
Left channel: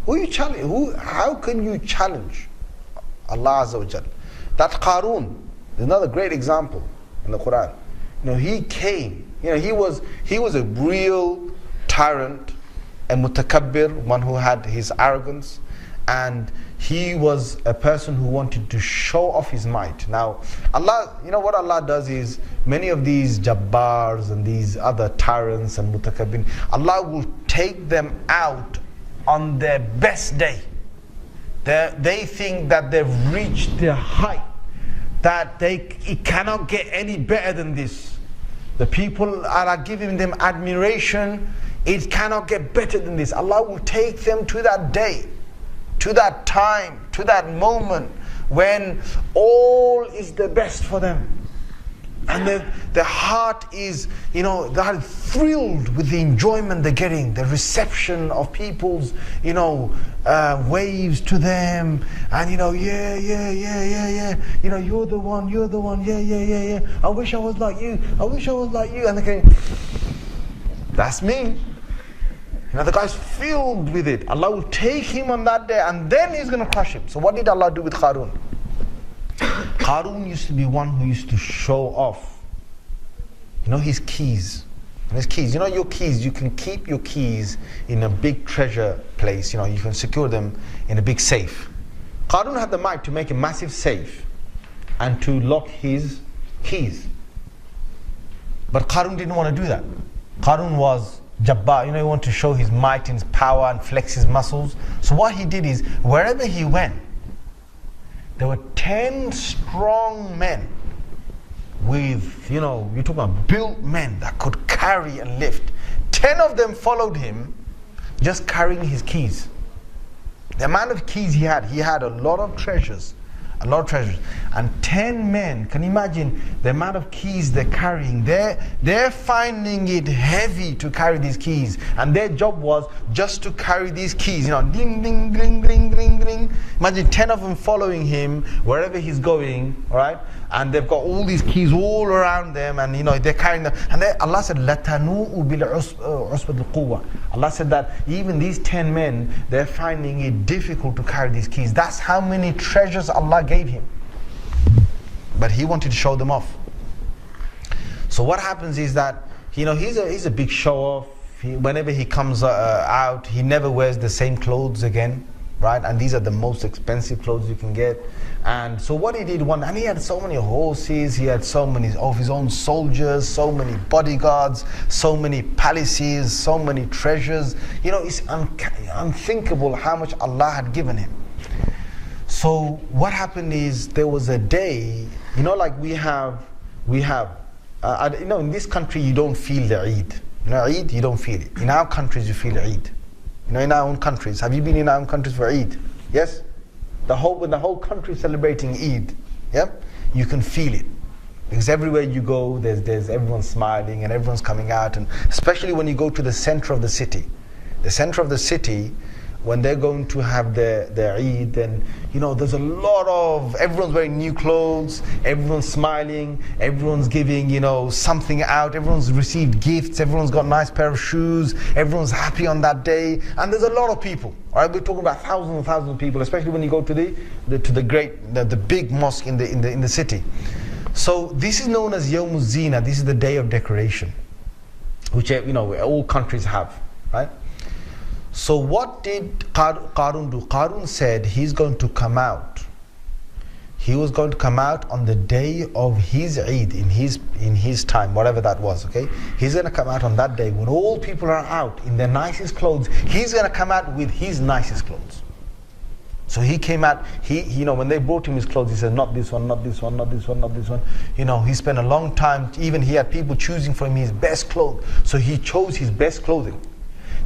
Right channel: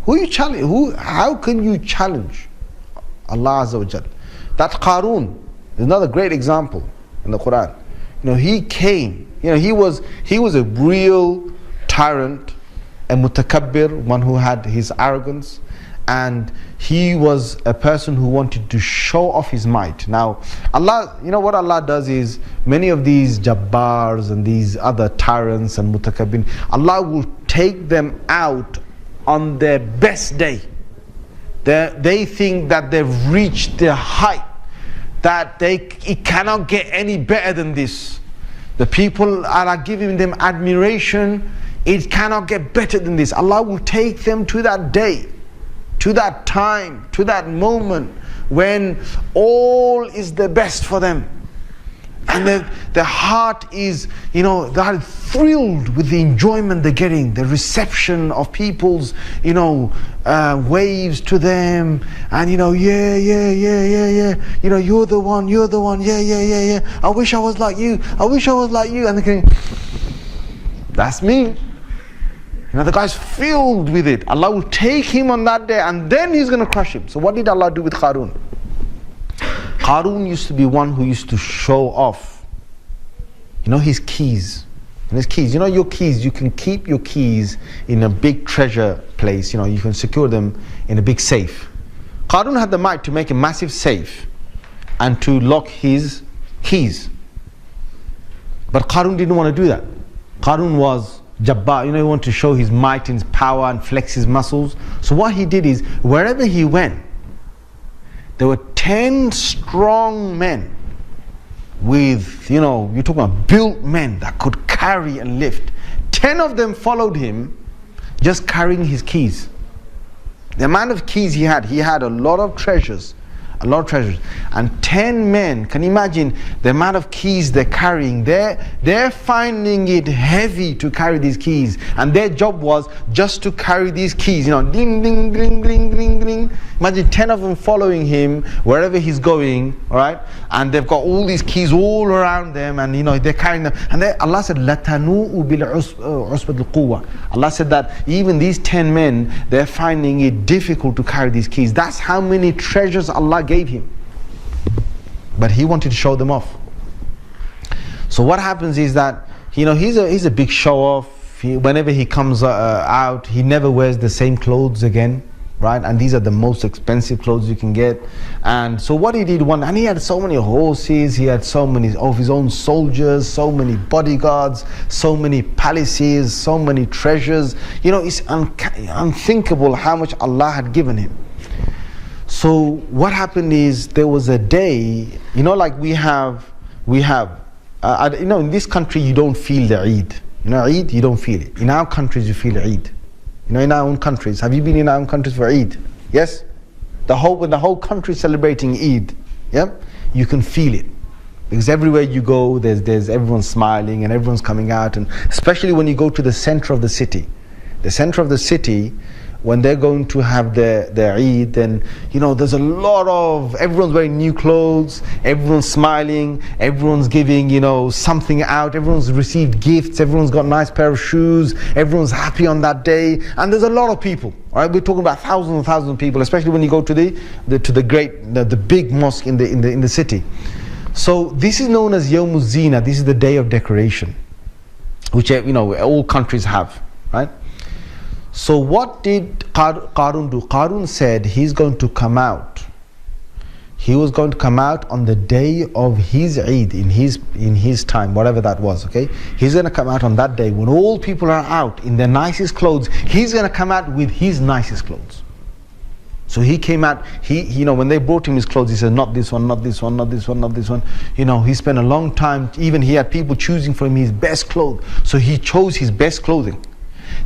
Who you challenge? How can you challenge Allah Azza wa Jal? That Qarun is another great example in the Quran. He came. He was a real tyrant, a mutakabbir, one who had his arrogance, and he was a person who wanted to show off his might. Now, Allah, what Allah does is, many of these Jabbars and these other tyrants and mutakabbin, Allah will take them out on their best day. They think that they've reached their height, that it cannot get any better than this. The people are giving them admiration. It cannot get better than this. Allah will take them to that day, to that time, to that moment when all is the best for them. And their heart is, they're thrilled with the enjoyment they're getting, the reception of people's, waves to them, and yeah, you're the one, yeah, I wish I was like you, and they're going, that's me. The guy's filled with it. Allah will take him on that day, and then He's going to crush him. So what did Allah do with Qarun? Qarun used to be one who used to show off, his keys. And his keys, your keys, you can keep your keys in a big treasure place. You can secure them in a big safe. Qarun had the might to make a massive safe and to lock his keys. But Qarun didn't want to do that. Qarun was Jabbar, he wanted to show his might and his power and flex his muscles. So what he did is, wherever he went, there were 10 strong men with, you're talking about built men that could carry and lift. 10 of them followed him, just carrying his keys. The amount of keys he had a lot of treasures, a lot of treasures. And 10 men, can you imagine the amount of keys they're carrying? They're finding it heavy to carry these keys. And their job was just to carry these keys, ding, ding, ding, ding, ding, ding. Imagine 10 of them following him wherever he's going, all right? And they've got all these keys all around them, and they're carrying them. And Allah said, لَتَنُوءُ بِالْعُصْبَةِ الْقُوَّةِ. Allah said that even these 10 men, they're finding it difficult to carry these keys. That's how many treasures Allah gave him. But he wanted to show them off. So what happens is that, he's a big show-off. Whenever he comes out, he never wears the same clothes again, right? And these are the most expensive clothes you can get. And so what he did and he had so many horses, he had so many of his own soldiers, so many bodyguards, so many palaces, so many treasures. It's unthinkable how much Allah had given him. So what happened is, there was a day, like we have, in this country you don't feel the Eid. Eid, you don't feel it. In our countries you feel Eid. In our own countries. Have you been in our own countries for Eid? Yes? When the whole country is celebrating Eid, yeah, you can feel it. Because everywhere you go, there's everyone smiling and everyone's coming out, and especially when you go to the center of the city. The center of the city, when they're going to have their Eid, then there's a lot of, everyone's wearing new clothes, everyone's smiling, everyone's giving something out, everyone's received gifts, everyone's got a nice pair of shoes, everyone's happy on that day, and there's a lot of people. All right, we're talking about thousands and thousands of people, especially when you go to the big mosque in the city. So this is known as Yawm Zina. This is the day of decoration, which all countries have, right? So what did Qarun do? Qarun said he's going to come out. He was going to come out on the day of his Eid, in his time, whatever that was, okay? He's going to come out on that day when all people are out in their nicest clothes. He's going to come out with his nicest clothes. So he came out, when they brought him his clothes, he said, not this one, not this one, not this one, not this one. He spent a long time, even he had people choosing for him his best clothes. So he chose his best clothing.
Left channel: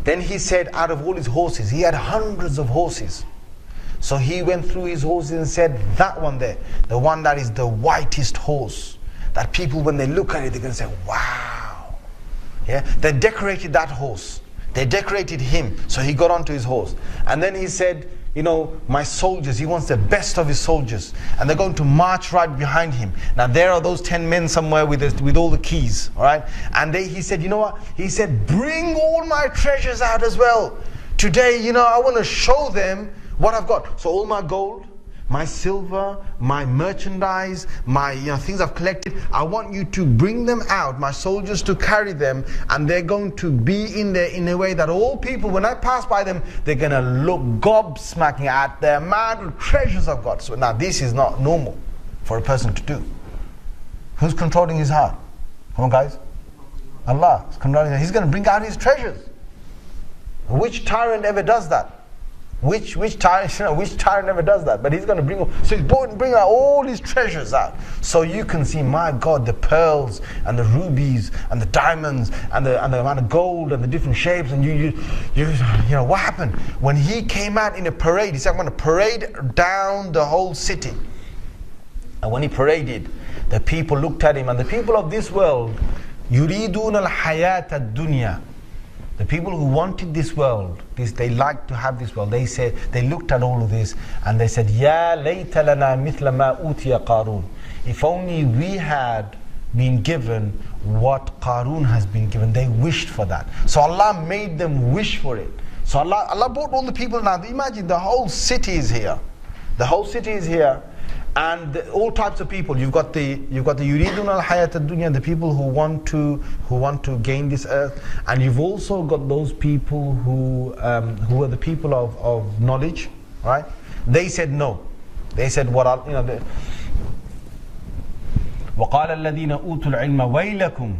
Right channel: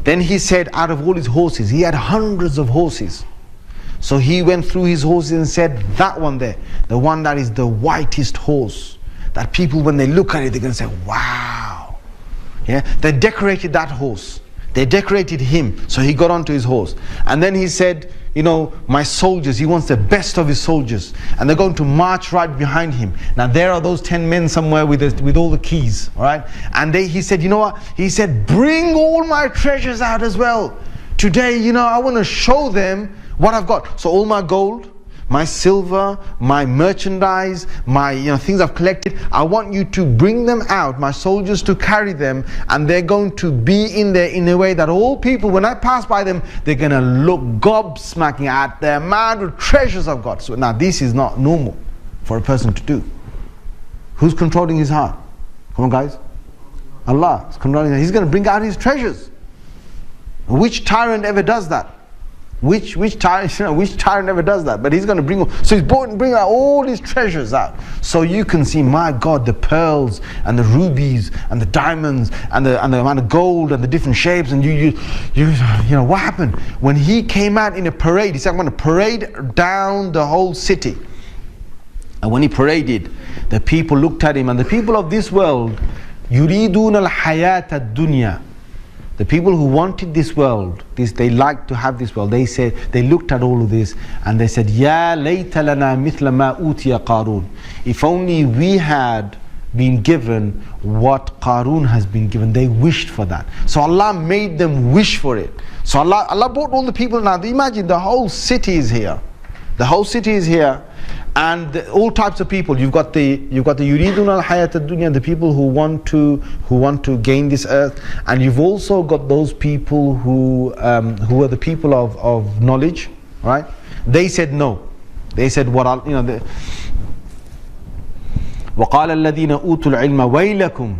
Then he said, out of all his horses, he had hundreds of horses. So he went through his horses and said, that one there, the one that is the whitest horse, that people, when they look at it, they're going to say, wow. Yeah, they decorated that horse. They decorated him. So he got onto his horse. And then he said, my soldiers, he wants the best of his soldiers. And they're going to march right behind him. Now there are those 10 men somewhere with all the keys, all right? And he said, you know what? He said, bring all my treasures out as well. Today, I want to show them what I've got. So all my gold, my silver, my merchandise, my things I've collected, I want you to bring them out, my soldiers to carry them, and they're going to be in there in a way that all people, when I pass by them, they're going to look gobsmacking at the amount of treasures I've got. So now this is not normal for a person to do. Who's controlling his heart? Come on guys. Allah is controlling his heart. He's going to bring out his treasures. Which tyrant ever does that? Which tyrant ever does that? But he's going to bring out all his treasures out, so you can see, my God, the pearls and the rubies and the diamonds and the amount of gold and the different shapes. And you what happened when he came out in a parade? He said, I'm going to parade down the whole city. And when he paraded, the people looked at him, and the people of this world, yuridun al-hayat ad-dunya. The people who wanted this world, they liked to have this world. They looked at all of this and they said, Ya layta lana mithla ma utiya Qarun. If only we had been given what Qarun has been given. They wished for that. So Allah made them wish for it. So Allah brought all the people. Now imagine, the whole city is here. The whole city is here. And all types of people. You've got the yuridun al-hayat ad-dunya, the people who want to gain this earth, and you've also got those people who are the people of knowledge, right? They said no. They said وَقَالَ الَّذِينَ أُوتُوا الْعِلْمَ وَيْلَكُمْ.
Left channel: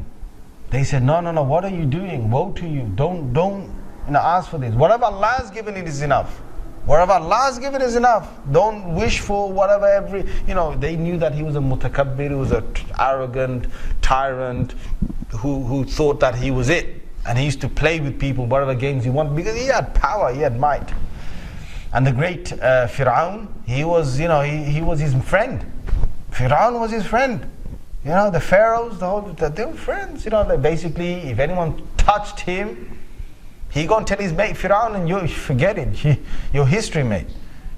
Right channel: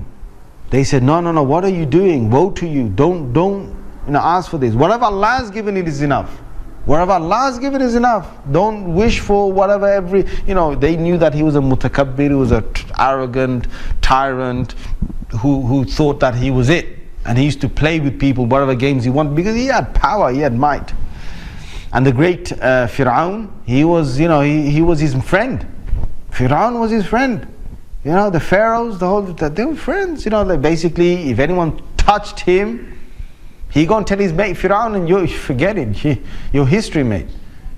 They said, no, what are you doing? Woe to you. Don't ask for this. Whatever Allah has given, it is enough. Whatever Allah has given is enough. Don't wish for whatever they knew that he was a mutakabbir, he was an arrogant tyrant who thought that he was it. And he used to play with people, whatever games he wanted, because he had power, he had might. And the great Fir'aun, he was, he was his friend. Fir'aun was his friend. The pharaohs, they were friends. Basically, if anyone touched him, he go and tell his mate Fir'aun, and you forget it. Your history, mate.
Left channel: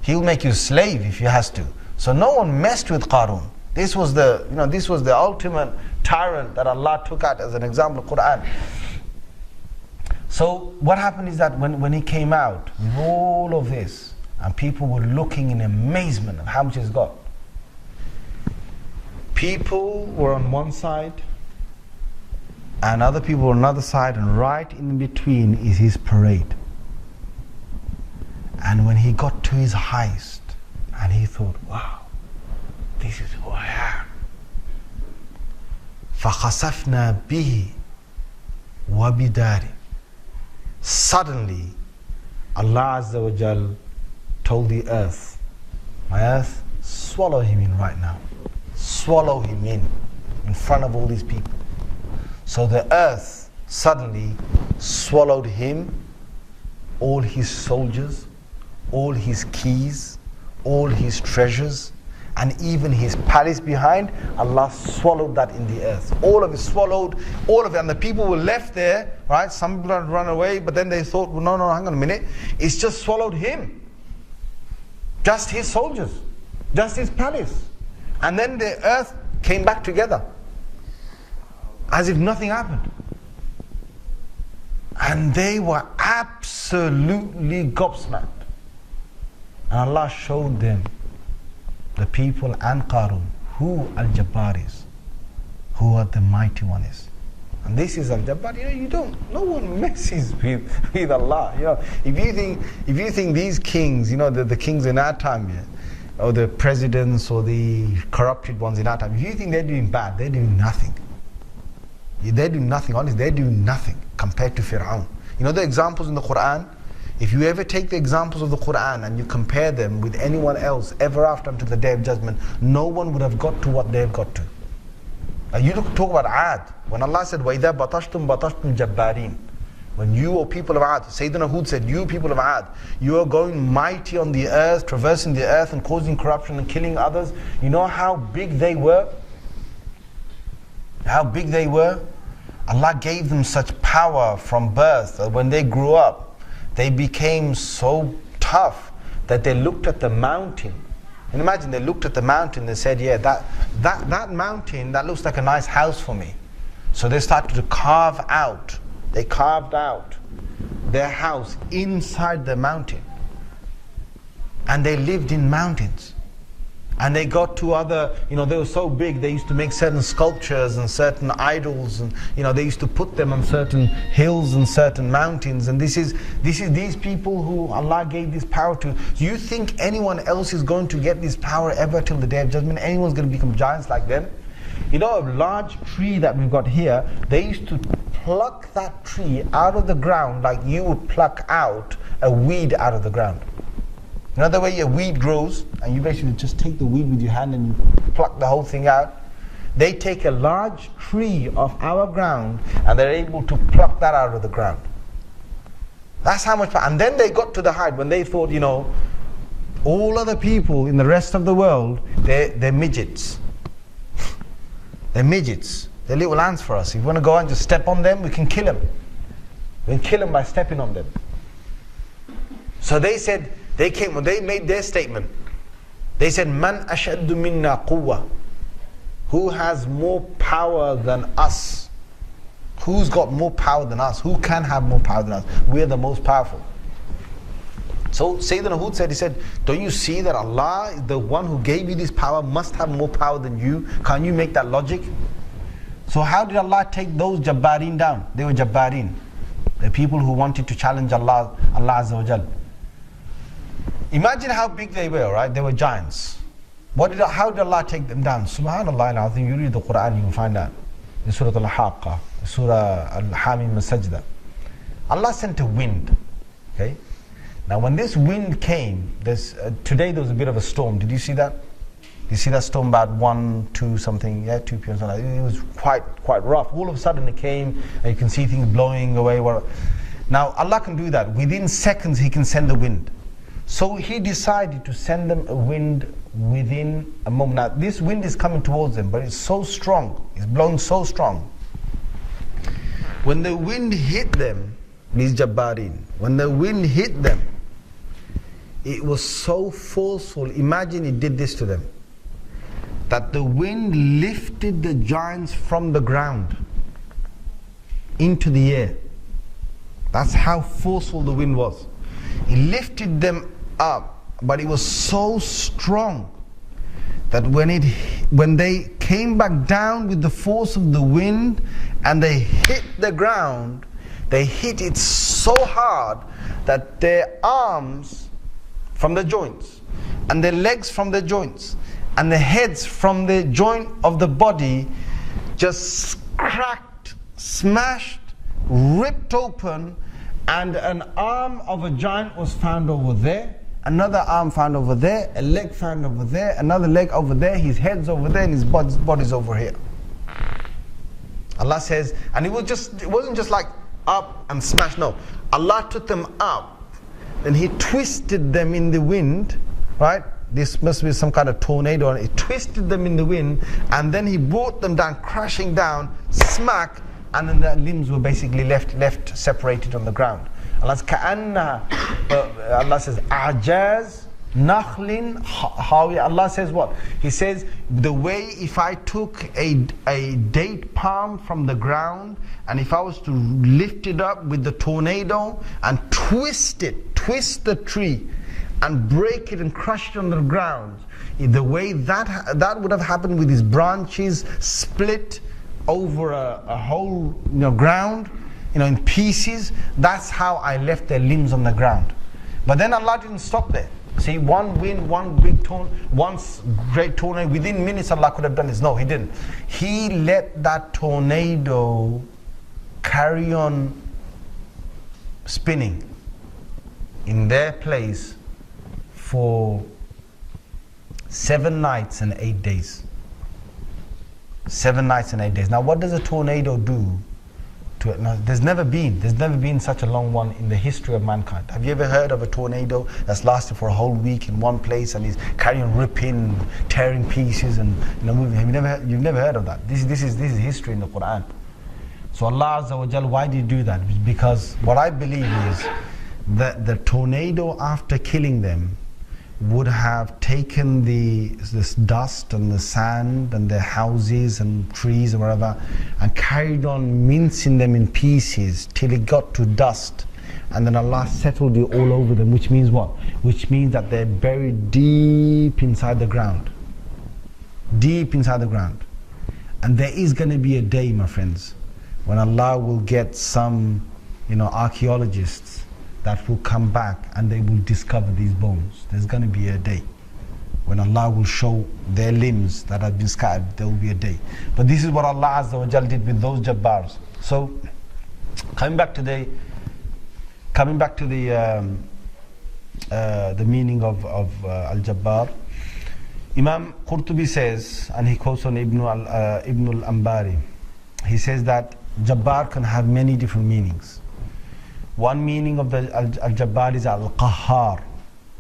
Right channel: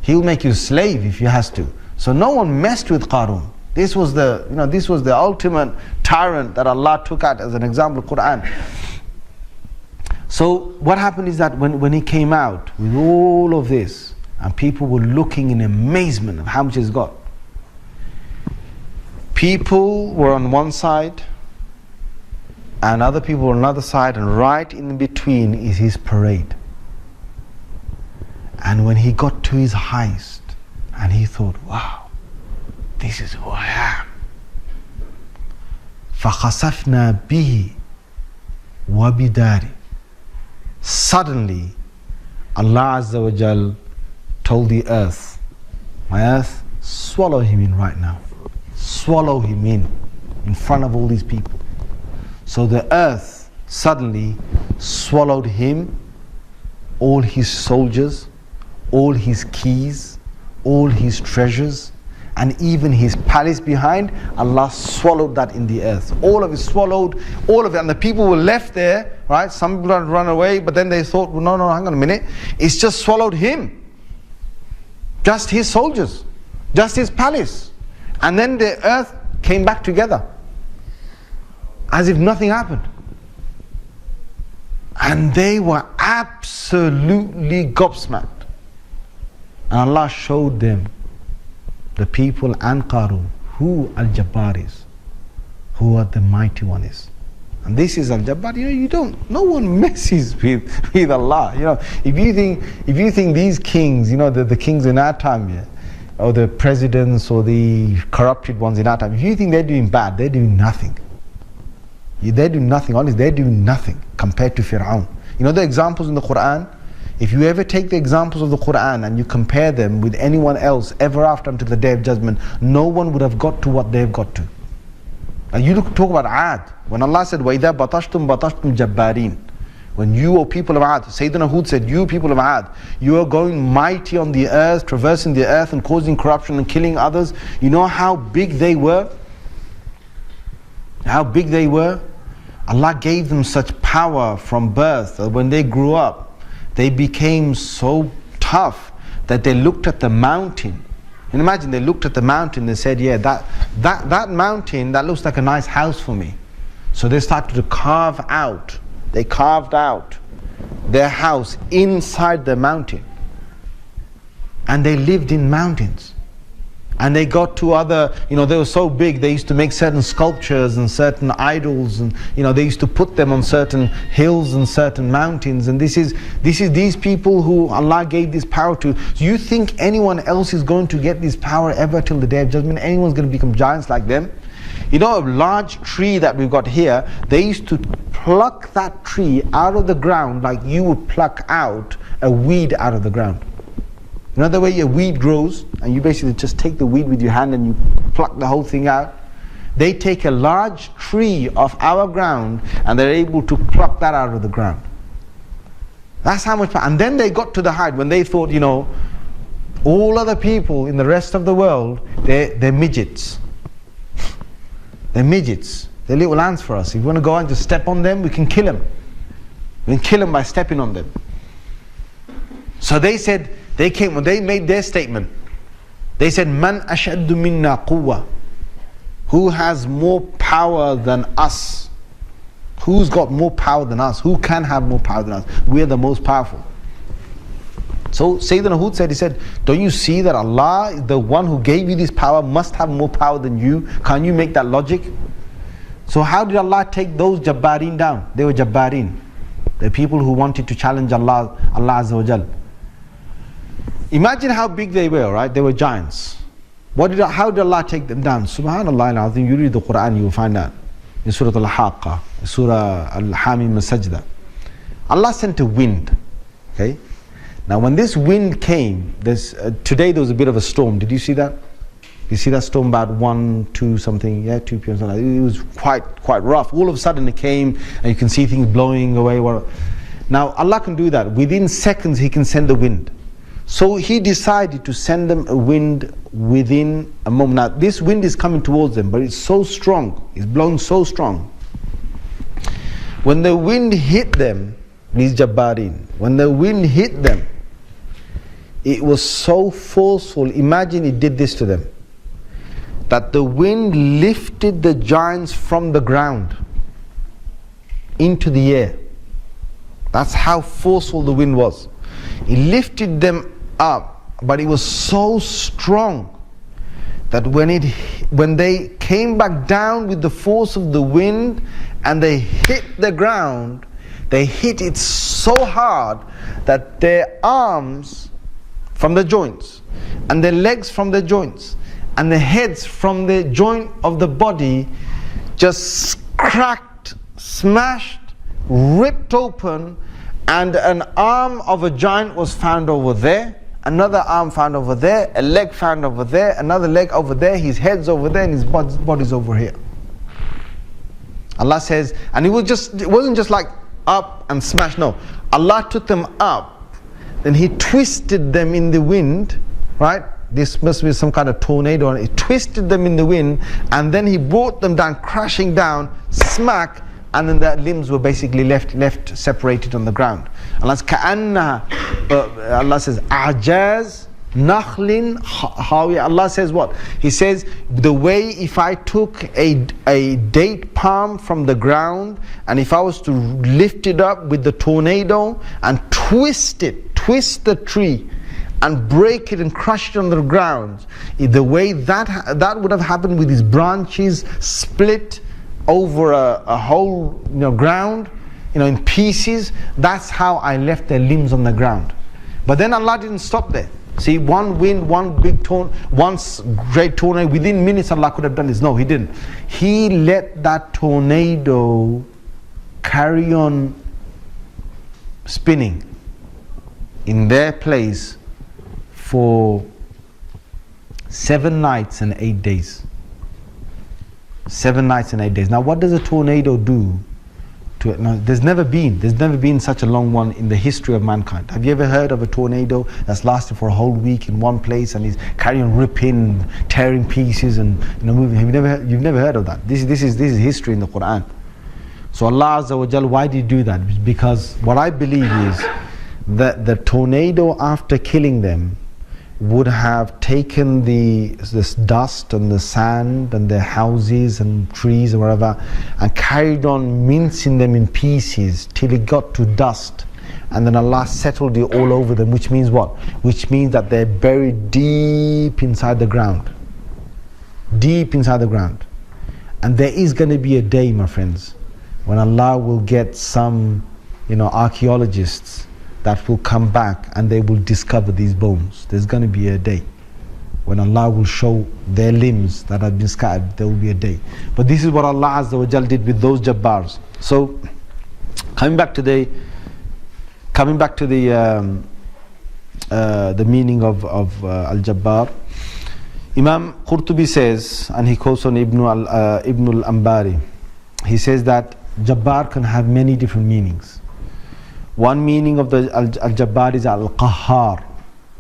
He'll make you slave if he has to. So no one messed with Qarun. This was the ultimate tyrant that Allah took out as an example of Quran. So what happened is that when he came out with all of this, and people were looking in amazement of how much he's got. People were on one side, and other people were on another side, and right in between is his parade. And when he got to his highest, and he thought, wow, this is who I am. فَخَسَفْنَا بِهِ وَبِدَارِ. Suddenly, Allah Azza wa Jal told the earth, my earth, swallow him in right now. Swallow him in front of all these people. So the earth suddenly swallowed him, all his soldiers, all his keys, all his treasures, and even his palace behind. Allah swallowed that in the earth. All of it swallowed, all of it. And the people were left there, right? Some people had run away, but then they thought, well, no, hang on a minute. It's just swallowed him. Just his soldiers. Just his palace. And then the earth came back together. As if nothing happened. And they were absolutely gobsmacked. And Allah showed them, the people and Qarun, who Al-Jabbar is, who the mighty one is. And this is Al-Jabbar. No one messes with Allah. If you think these kings, the kings in our time, or the presidents or the corrupted ones in our time, if you think they're doing bad, they're doing nothing. They're doing nothing, honestly, they're doing nothing compared to Fir'aun. The examples in the Quran, if you ever take the examples of the Quran and you compare them with anyone else ever after until the Day of Judgment, no one would have got to what they've got to. And you talk about Ad, when Allah said, وَإِذَا بَطَشْتُمْ بَطَشْتُمْ جَبَّارِينَ. When you, O people of Ad, Sayyidina Hud said, you people of Ad, you are going mighty on the earth, traversing the earth and causing corruption and killing others. You know how big they were? How big they were? Allah gave them such power from birth that when they grew up, they became so tough that they looked at the mountain. And imagine they looked at the mountain and said, yeah, that mountain, that looks like a nice house for me. So they started to carve out. They carved out their house inside the mountain. And they lived in mountains. And they got to other, they were so big, they used to make certain sculptures and certain idols, and they used to put them on certain hills and certain mountains. And this is these people who Allah gave this power to. Do you think anyone else is going to get this power ever till the Day of Judgment? Anyone's going to become giants like them? A large tree that we've got here, they used to pluck that tree out of the ground like you would pluck out a weed out of the ground. The way a weed grows, and you basically just take the weed with your hand and you pluck the whole thing out. They take a large tree off our ground and they're able to pluck that out of the ground. That's how much power. And then they got to the height when they thought, all other people in the rest of the world, they're midgets. They're midgets. They're little ants for us. If we want to go and just step on them, we can kill them. We can kill them by stepping on them. So they said, when they made their statement, they said, Man ashaddu minna quwwa. Who has more power than us? Who's got more power than us? Who can have more power than us? We're the most powerful. So Sayyidina Hud said, he said, don't you see that Allah, the one who gave you this power, must have more power than you? Can't you make that logic? So how did Allah take those Jabbarin down? They were Jabbarin. The people who wanted to challenge Allah Azza wa Jal. Imagine how big they were, right? They were giants. How did Allah take them down? Subhanallah al-Azim, you read the Quran, you will find out. In Surah Al-Haqqa, Surah Al-Hamim al-Sajda. Allah sent a wind. Okay? Now when this wind came, today there was a bit of a storm. Did you see that? You see that storm about 1, 2 something, 2 p.m. something. It was quite rough. All of a sudden it came and you can see things blowing away. Now Allah can do that. Within seconds He can send the wind. So he decided to send them a wind within a moment. Now this wind is coming towards them, but it's so strong, it's blowing so strong. When the wind hit them, these Jabbarin, when the wind hit them, it was so forceful, imagine it did this to them, that the wind lifted the giants from the ground into the air. That's how forceful the wind was. It lifted them up, but it was so strong that when they came back down with the force of the wind and they hit the ground, they hit it so hard that their arms from the joints and their legs from the joints and the heads from the joint of the body just cracked, smashed, ripped open, and an arm of a giant was found over there, another arm found over there, a leg found over there, another leg over there, his head's over there, and his body's over here. Allah says, and it wasn't just like up and smash, no. Allah took them up, then He twisted them in the wind, right? This must be some kind of tornado, and He twisted them in the wind, and then He brought them down, crashing down, smack, and then their limbs were basically left separated on the ground. Allah says, A'jaz Nakhlin Hawiya. Allah says what? He says, the way if I took a date palm from the ground, and if I was to lift it up with the tornado and twist the tree and break it and crush it on the ground, the way that would have happened with these branches split over a whole ground, in pieces, that's how I left their limbs on the ground. But then Allah didn't stop there. See, one wind, one great tornado, within minutes Allah could have done this. No, He didn't. He let that tornado carry on spinning in their place for 7 nights and 8 days. 7 nights and 8 days. Now what does a tornado do to it? Now, there's never been such a long one in the history of mankind. Have you ever heard of a tornado that's lasted for a whole week in one place and is carrying on ripping, tearing pieces and moving? You've never heard of that. This is history in the Quran. So Allah Azza wa Jal, why did He do that? Because what I believe is that the tornado, after killing them, would have taken this dust and the sand and their houses and trees or whatever, and carried on mincing them in pieces till it got to dust, and then Allah settled it all over them, which means what? Which means that they're buried deep inside the ground. Deep inside the ground. And there is going to be a day, my friends, when Allah will get some archaeologists that will come back and they will discover these bones. There's going to be a day when Allah will show their limbs that have been scattered. There will be a day. But this is what Allah Azza wa Jal did with those Jabbars. So coming back to the meaning of Al-Jabbar, Imam Qurtubi says, and he quotes on Ibn al-Ambari, he says that Jabbar can have many different meanings. One meaning of the Al-Jabbar is Al-Qahhar,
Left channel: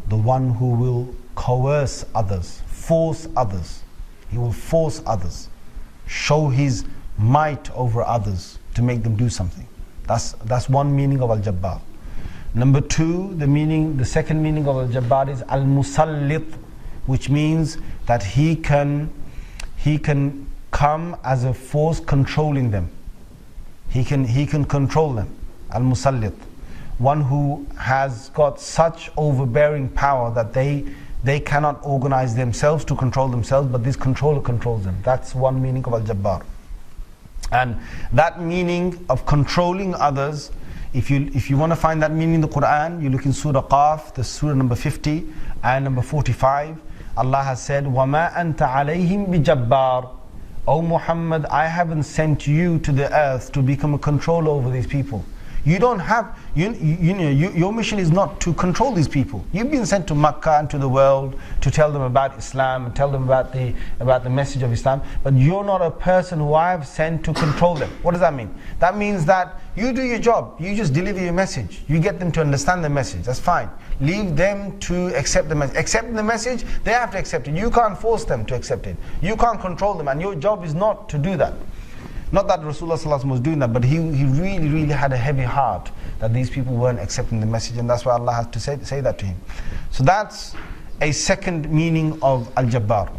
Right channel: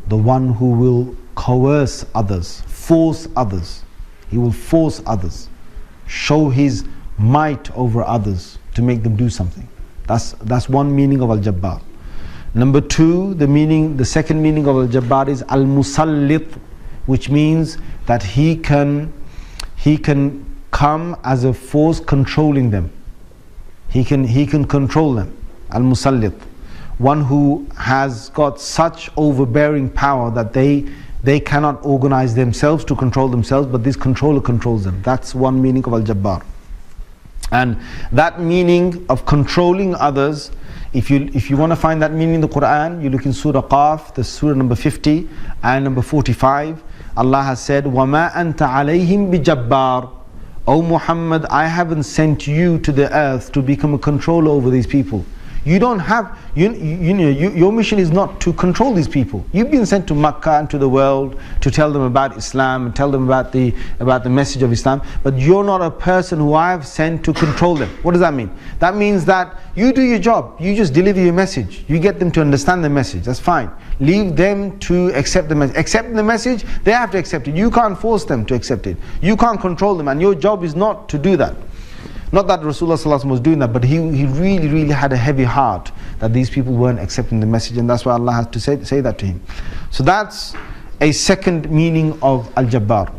the one who will coerce others, force others. He will force others, show his might over others to make them do something. That's one meaning of Al-Jabbar. Number two, the second meaning of Al-Jabbar is Al-Musallit, which means that he can come as a force controlling them. He can control them. Al-Musallit, one who has got such overbearing power that they cannot organize themselves to control themselves, but this controller controls them. That's one meaning of Al-Jabbar. And that meaning of controlling others, if you want to find that meaning in the Quran, you look in Surah Qaf, the Surah number 50 and number 45. Allah has said, وَمَا أَنْتَ عَلَيْهِمْ بِجَبَّارٍ. O Muhammad, I haven't sent you to the earth to become a controller over these people. You don't have, your mission is not to control these people. You've been sent to Makkah and to the world to tell them about Islam and tell them about the message of Islam. But you're not a person who I have sent to control them. What does that mean? That means that you do your job. You just deliver your message. You get them to understand the message. That's fine. Leave them to accept the message. Accept the message, they have to accept it. You can't force them to accept it. You can't control them, and your job is not to do that. Not that Rasulullah ﷺ was doing that, but he really, really had a heavy heart that these people weren't accepting the message, and that's why Allah has to say that to him. So that's a second meaning of Al-Jabbar.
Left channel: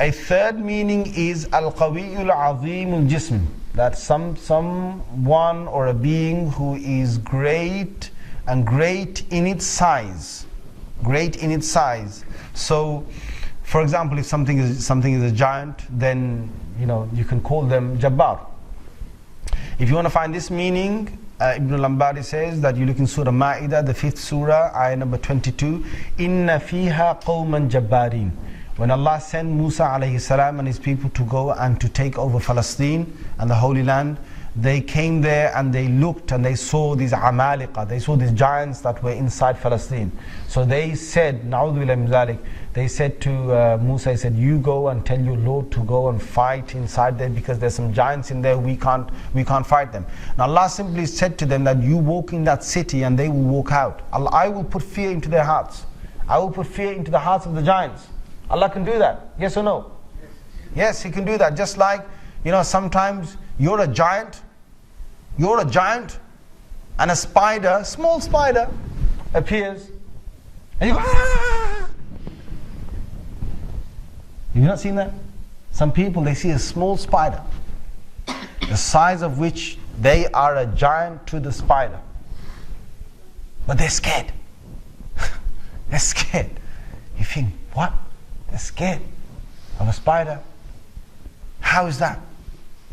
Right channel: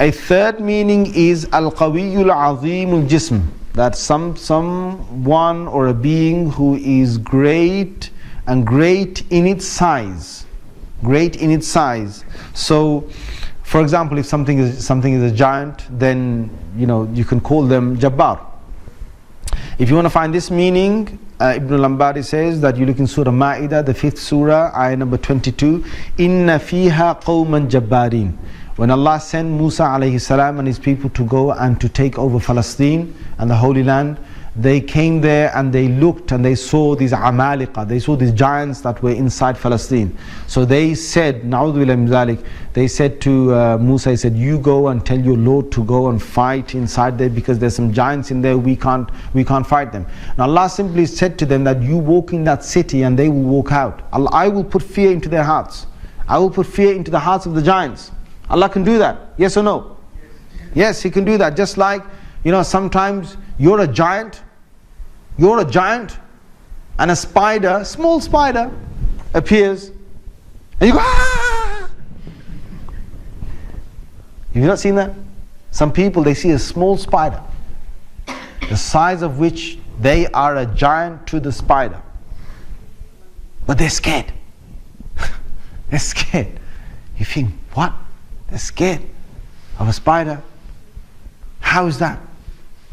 A third meaning is Al-Qawiyyul Azimul Jism, that someone or a being who is great and great in its size. Great in its size. So, for example, if something is a giant, then you can call them Jabbar. If you want to find this meaning, Ibn al-Ambari says that you look in Surah Ma'idah, the 5th surah, ayah number 22. Inna fiha qawman jabbarin. When Allah sent Musa alayhi salam and his people to go and to take over Palestine and the Holy Land, they came there and they looked and they saw these Amaliqa, they saw these giants that were inside Palestine. So they said, Na'udhu billahi min dhalik, they said to Musa, he said, you go and tell your Lord to go and fight inside there because there's some giants in there, we can't fight them. Now Allah simply said to them that you walk in that city and they will walk out. I will put fear into their hearts. I will put fear into the hearts of the giants. Allah can do that, yes or no? Yes, He can do that. Just like, sometimes you're a giant and a spider, small spider, appears and you go, ah! Have you not seen that? Some people, they see a small spider, the size of which they are a giant to the spider. But they're scared. They're scared. You think, what? They're scared of a spider? How is that?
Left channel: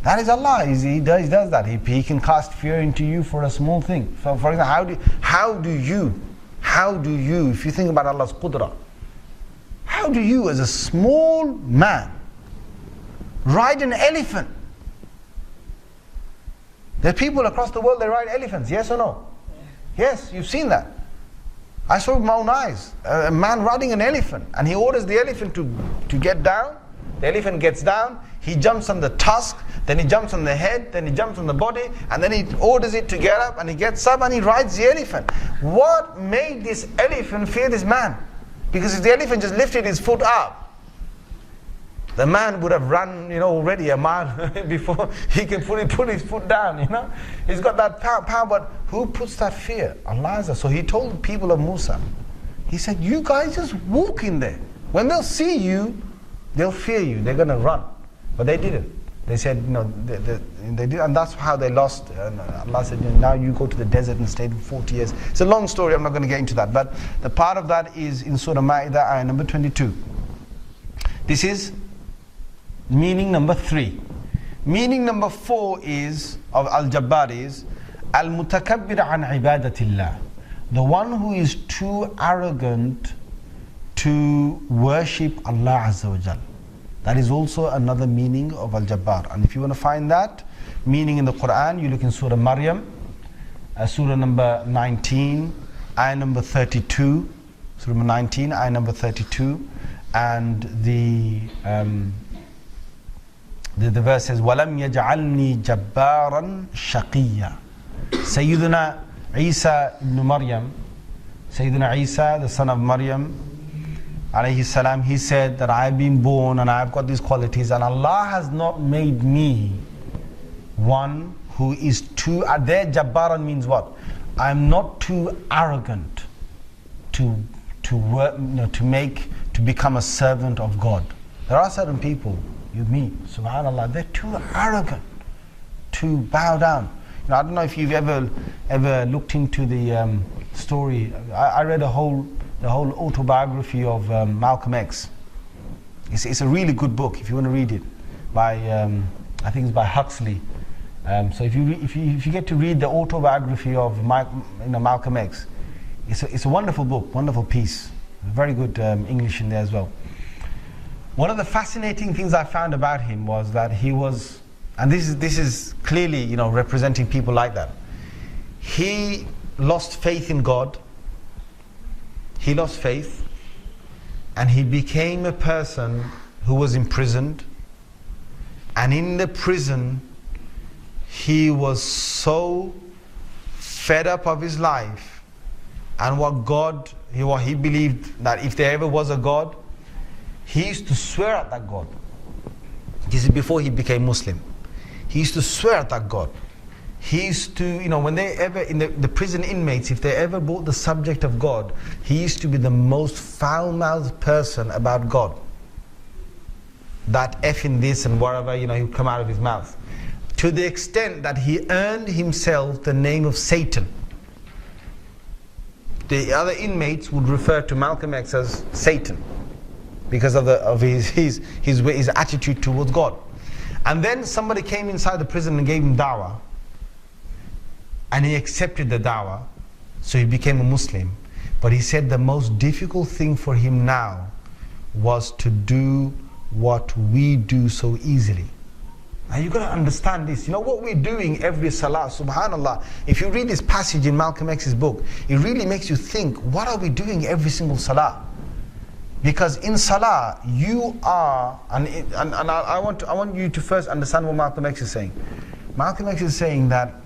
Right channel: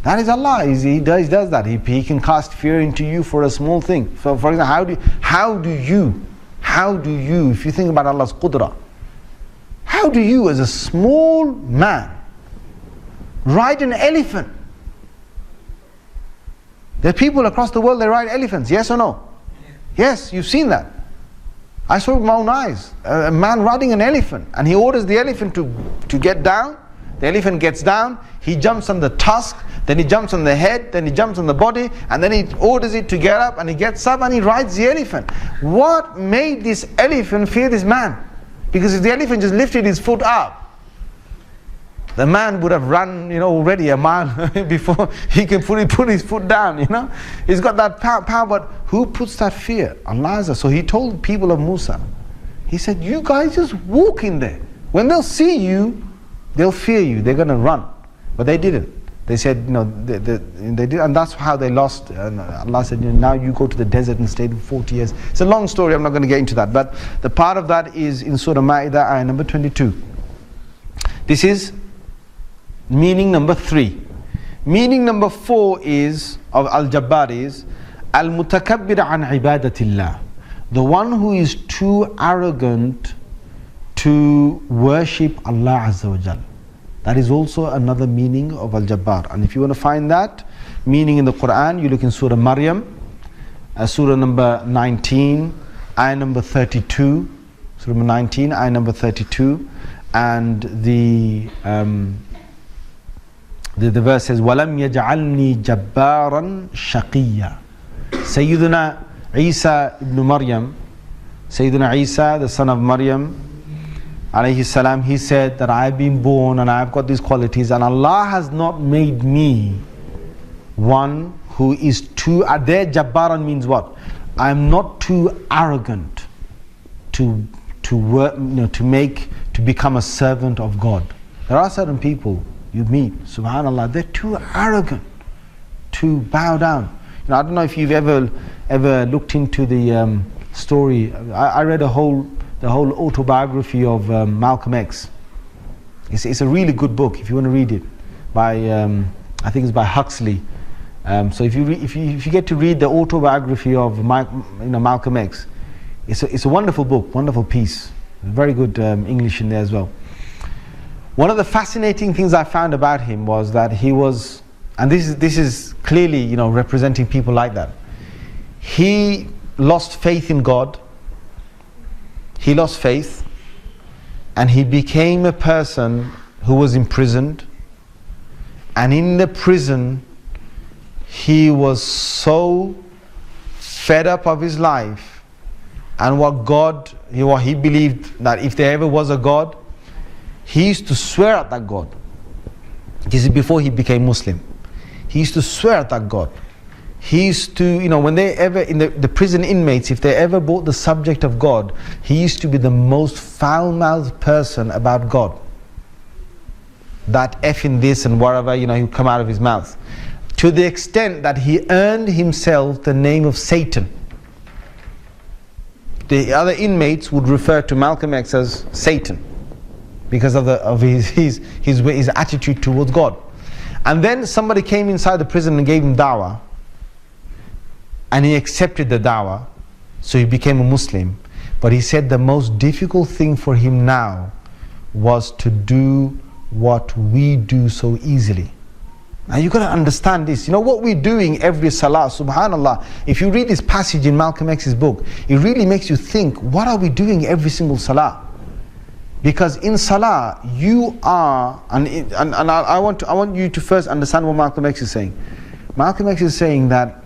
That is Allah. He does that. He can cast fear into you for a small thing. So, for example, how do you, if you think about Allah's qudra, how do you as a small man ride an elephant? There are people across the world that ride elephants, yes or no? Yes, you've seen that. I saw with my own eyes, a man riding an elephant, and he orders the elephant to get down. The elephant gets down, he jumps on the tusk, then he jumps on the head, then he jumps on the body, and then he orders it to get up, and he gets up and he rides the elephant. What made this elephant fear this man? Because if the elephant just lifted his foot up, the man would have run, already a mile before he can put his foot down, He's got that power, but who puts that fear? Allah. So He told people of Musa, He said, you guys just walk in there. When they'll see you, they'll fear you, they're going to run. But they didn't. They said, they did, and that's how they lost. And Allah said, now you go to the desert and stay for 40 years. It's a long story, I'm not going to get into that. But the part of that is in Surah Ma'idah, ayah number 22. This is meaning number 3. Meaning number 4 is, of Al-Jabbar is, Al-Mutakabbir an ibadatillah. The one who is too arrogant to worship Allah Azza wa Jal. That is also another meaning of Al-Jabbar. And if you want to find that meaning in the Quran, you look in Surah Maryam, Surah number 19, ayah number 32. Surah number 19, ayah number 32. And the verse says, وَلَمْ يَجْعَلْنِي جَبَّارًا شَقِيًّا. Sayyidina Isa ibn Maryam, Sayyidina Isa, the son of Maryam, alayhi salam, he said that I have been born and I have got these qualities, and Allah has not made me one who is too, there Jabbaran means what? I am not too arrogant to work, to become a servant of God. There are certain people you meet, subhanallah, they're too arrogant to bow down. I don't know if you've ever looked into the story. I read the whole autobiography of Malcolm X. It's a really good book if you want to read it, by I think it's by Huxley. So if you get to read the autobiography of Malcolm X, it's a wonderful book, wonderful piece, very good English in there as well. One of the fascinating things I found about him was that he was, and this is clearly representing people like that. he lost faith in God. He lost faith, and he became a person who was imprisoned. And in the prison, he was so fed up of his life and what he believed that if there ever was a God, he used to swear at that God. This is before he became Muslim. He used to swear at that God. He used to, when they ever, in the prison inmates, if they ever brought the subject of God, he used to be the most foul-mouthed person about God. That effing this and whatever, he would come out of his mouth. To the extent that he earned himself the name of Satan. The other inmates would refer to Malcolm X as Satan because of his attitude towards God. And then somebody came inside the prison and gave him da'wah. And he accepted the da'wah, so he became a Muslim. But he said the most difficult thing for him now was to do what we do so easily. Now you've got to understand this. What we're doing every salah, subhanallah, if you read this passage in Malcolm X's book, it really makes you think, what are we doing every single salah? Because in salah, you are, and I want you to first understand what Malcolm X is saying. Malcolm X is saying that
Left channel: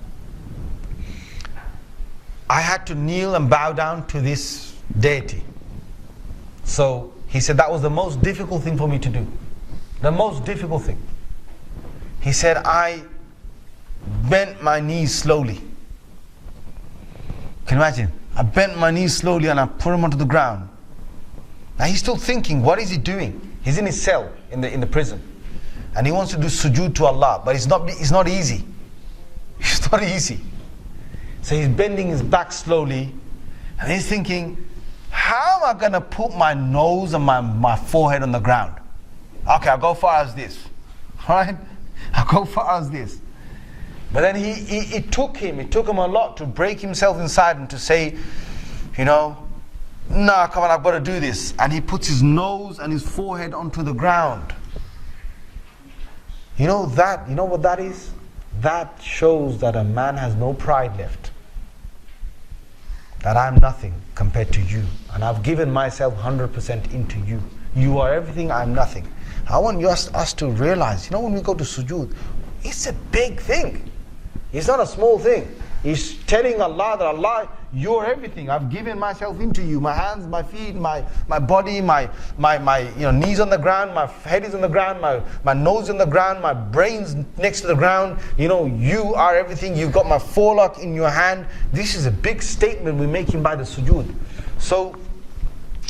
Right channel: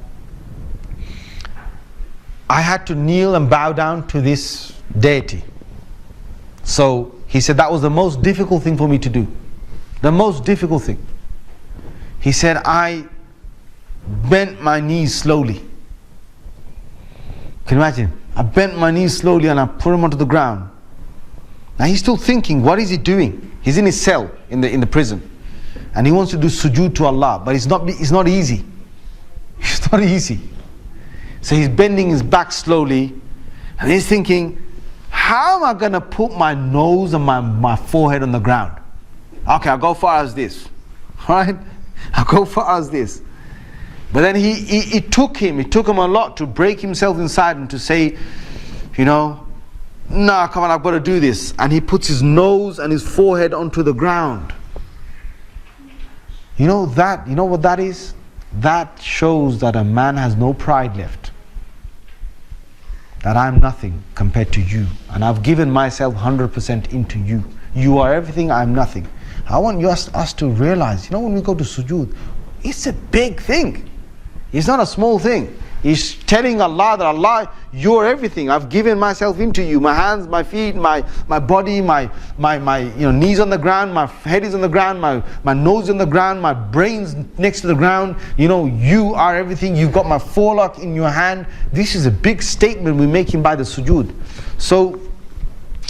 I had to kneel and bow down to this deity. So he said that was the most difficult thing for me to do. The most difficult thing. He said I bent my knees slowly. Can you imagine? I bent my knees slowly and I put them onto the ground. Now he's still thinking, what is he doing? He's in his cell in the prison. And he wants to do sujood to Allah, but it's not easy. It's not easy. So he's bending his back slowly, and he's thinking, how am I going to put my nose and my forehead on the ground? Okay, I'll go far as this. Right? I'll go far as this. But then it took him a lot to break himself inside and to say, no, come on, I've got to do this. And he puts his nose and his forehead onto the ground. You know what that is? That shows that a man has no pride left. That I'm nothing compared to you. And I've given myself 100% into you. You are everything, I'm nothing. I want us to realize, when we go to sujood, it's a big thing. It's not a small thing. He's telling Allah that Allah, you're everything. I've given myself into you. My hands, my feet, my body, my knees on the ground, my head is on the ground, my nose on the ground, my brain's next to the ground. You are everything. You've got my forelock in your hand. This is a big statement we're making by the sujood. So,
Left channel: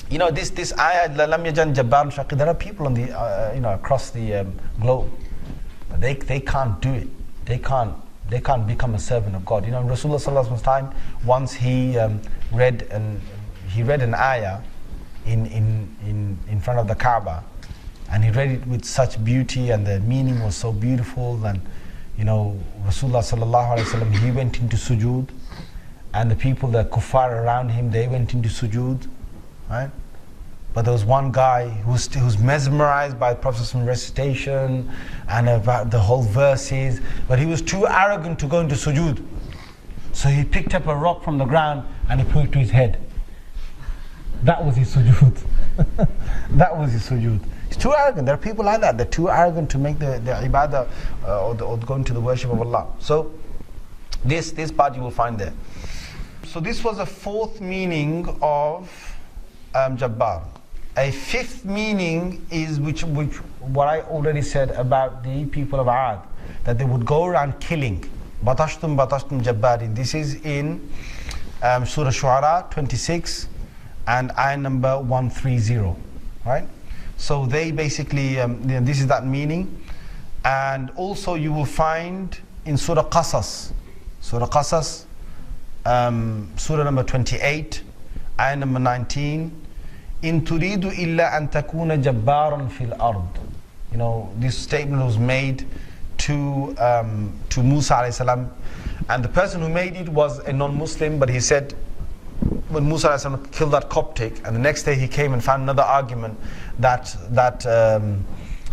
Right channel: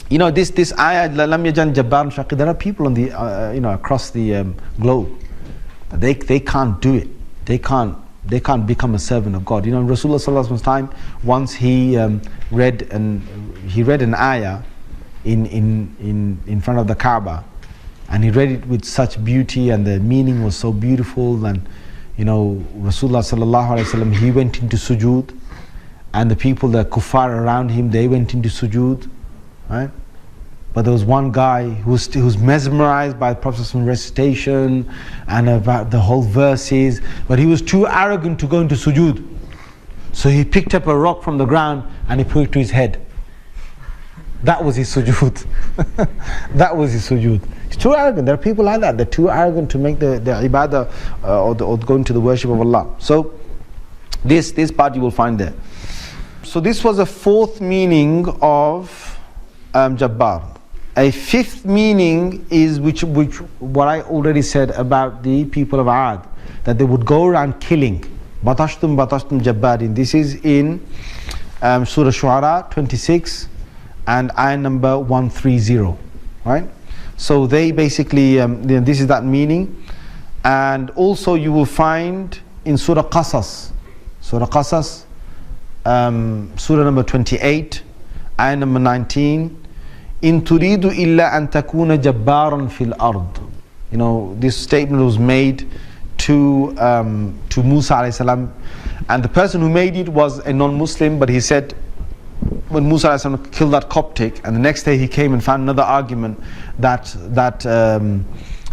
this ayah, lam yajan Jabbar shaqi. There are people on the across the globe, but they can't do it. They can't become a servant of God. In Rasulullah sallallahu alaihi wasallam's time, once he read an ayah in front of the Kaaba, and he read it with such beauty, and the meaning was so beautiful, and Rasulullah sallallahu alaihi wasallam, he went into sujood, and the people, the kuffar around him, they went into sujood, right? But there was one guy who's mesmerized by the Prophet's recitation and about the whole verses, but he was too arrogant to go into sujood. So he picked up a rock from the ground and he put it to his head. That was his sujood. That was his sujood. He's too arrogant. There are people like that. They're too arrogant to make the ibadah or go into the worship of Allah. So this part you will find there. So this was a fourth meaning of Jabbar. A fifth meaning is which what I already said about the people of Ad, that they would go around killing. Batashtum Jabbarin. This is in Surah Shu'ara 26 and ayah number 130. Right? So they basically, this is that meaning. And also you will find in Surah Qasas, Surah number 28, ayah number 19, in turidu illa an takuna jabbaran fil ard. This statement was made to Musa alayhi salam, and the person who made it was a non-Muslim, but he said when Musa alayhi salam killed that Coptic, and the next day he came and found another argument that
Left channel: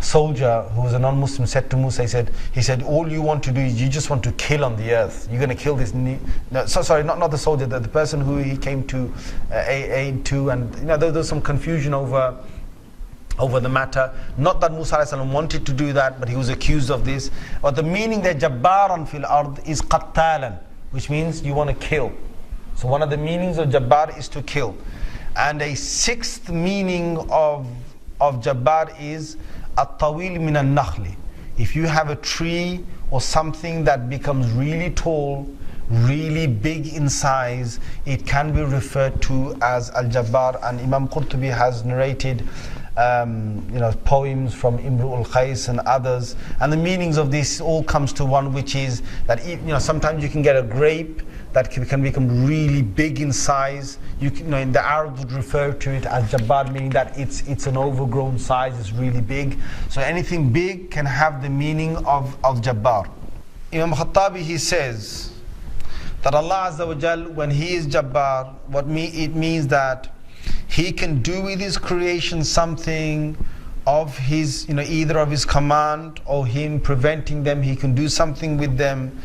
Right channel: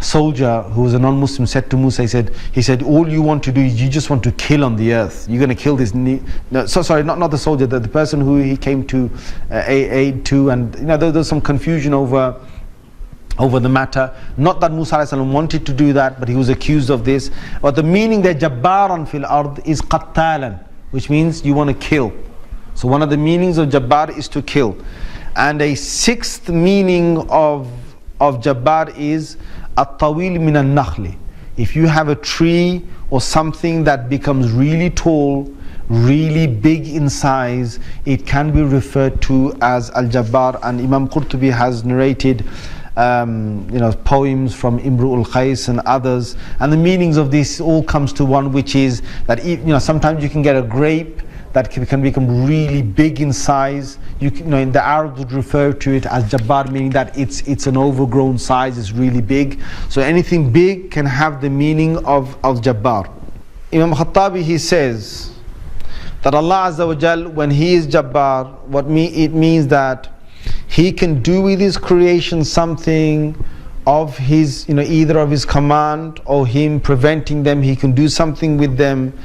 soldier who was a non-Muslim said to Musa, he said, all you want to do is you just want to kill on the earth. You're going to kill this. Not the soldier, the person who he came to aid to, and there was some confusion over the matter. Not that Musa alayhi salam wanted to do that, but he was accused of this. But the meaning there, Jabbaran fil ard, is qattalan, which means you want to kill. So one of the meanings of Jabbar is to kill. And a sixth meaning of Jabbar is at-tawil min al-nakhli. If you have a tree or something that becomes really tall, really big in size, it can be referred to as Al-Jabbar. And Imam Qurtubi has narrated poems from Imru'ul Qais and others, and the meanings of this all comes to one, which is that sometimes you can get a grape that can become really big in size. In the Arabs would refer to it as Jabbar, meaning that it's an overgrown size, it's really big. So anything big can have the meaning of Jabbar. Imam Khattabi, he says that Allah Azza wa Jal, when He is Jabbar, it means that He can do with His creation something of His, either of His command or Him preventing them. He can do something with them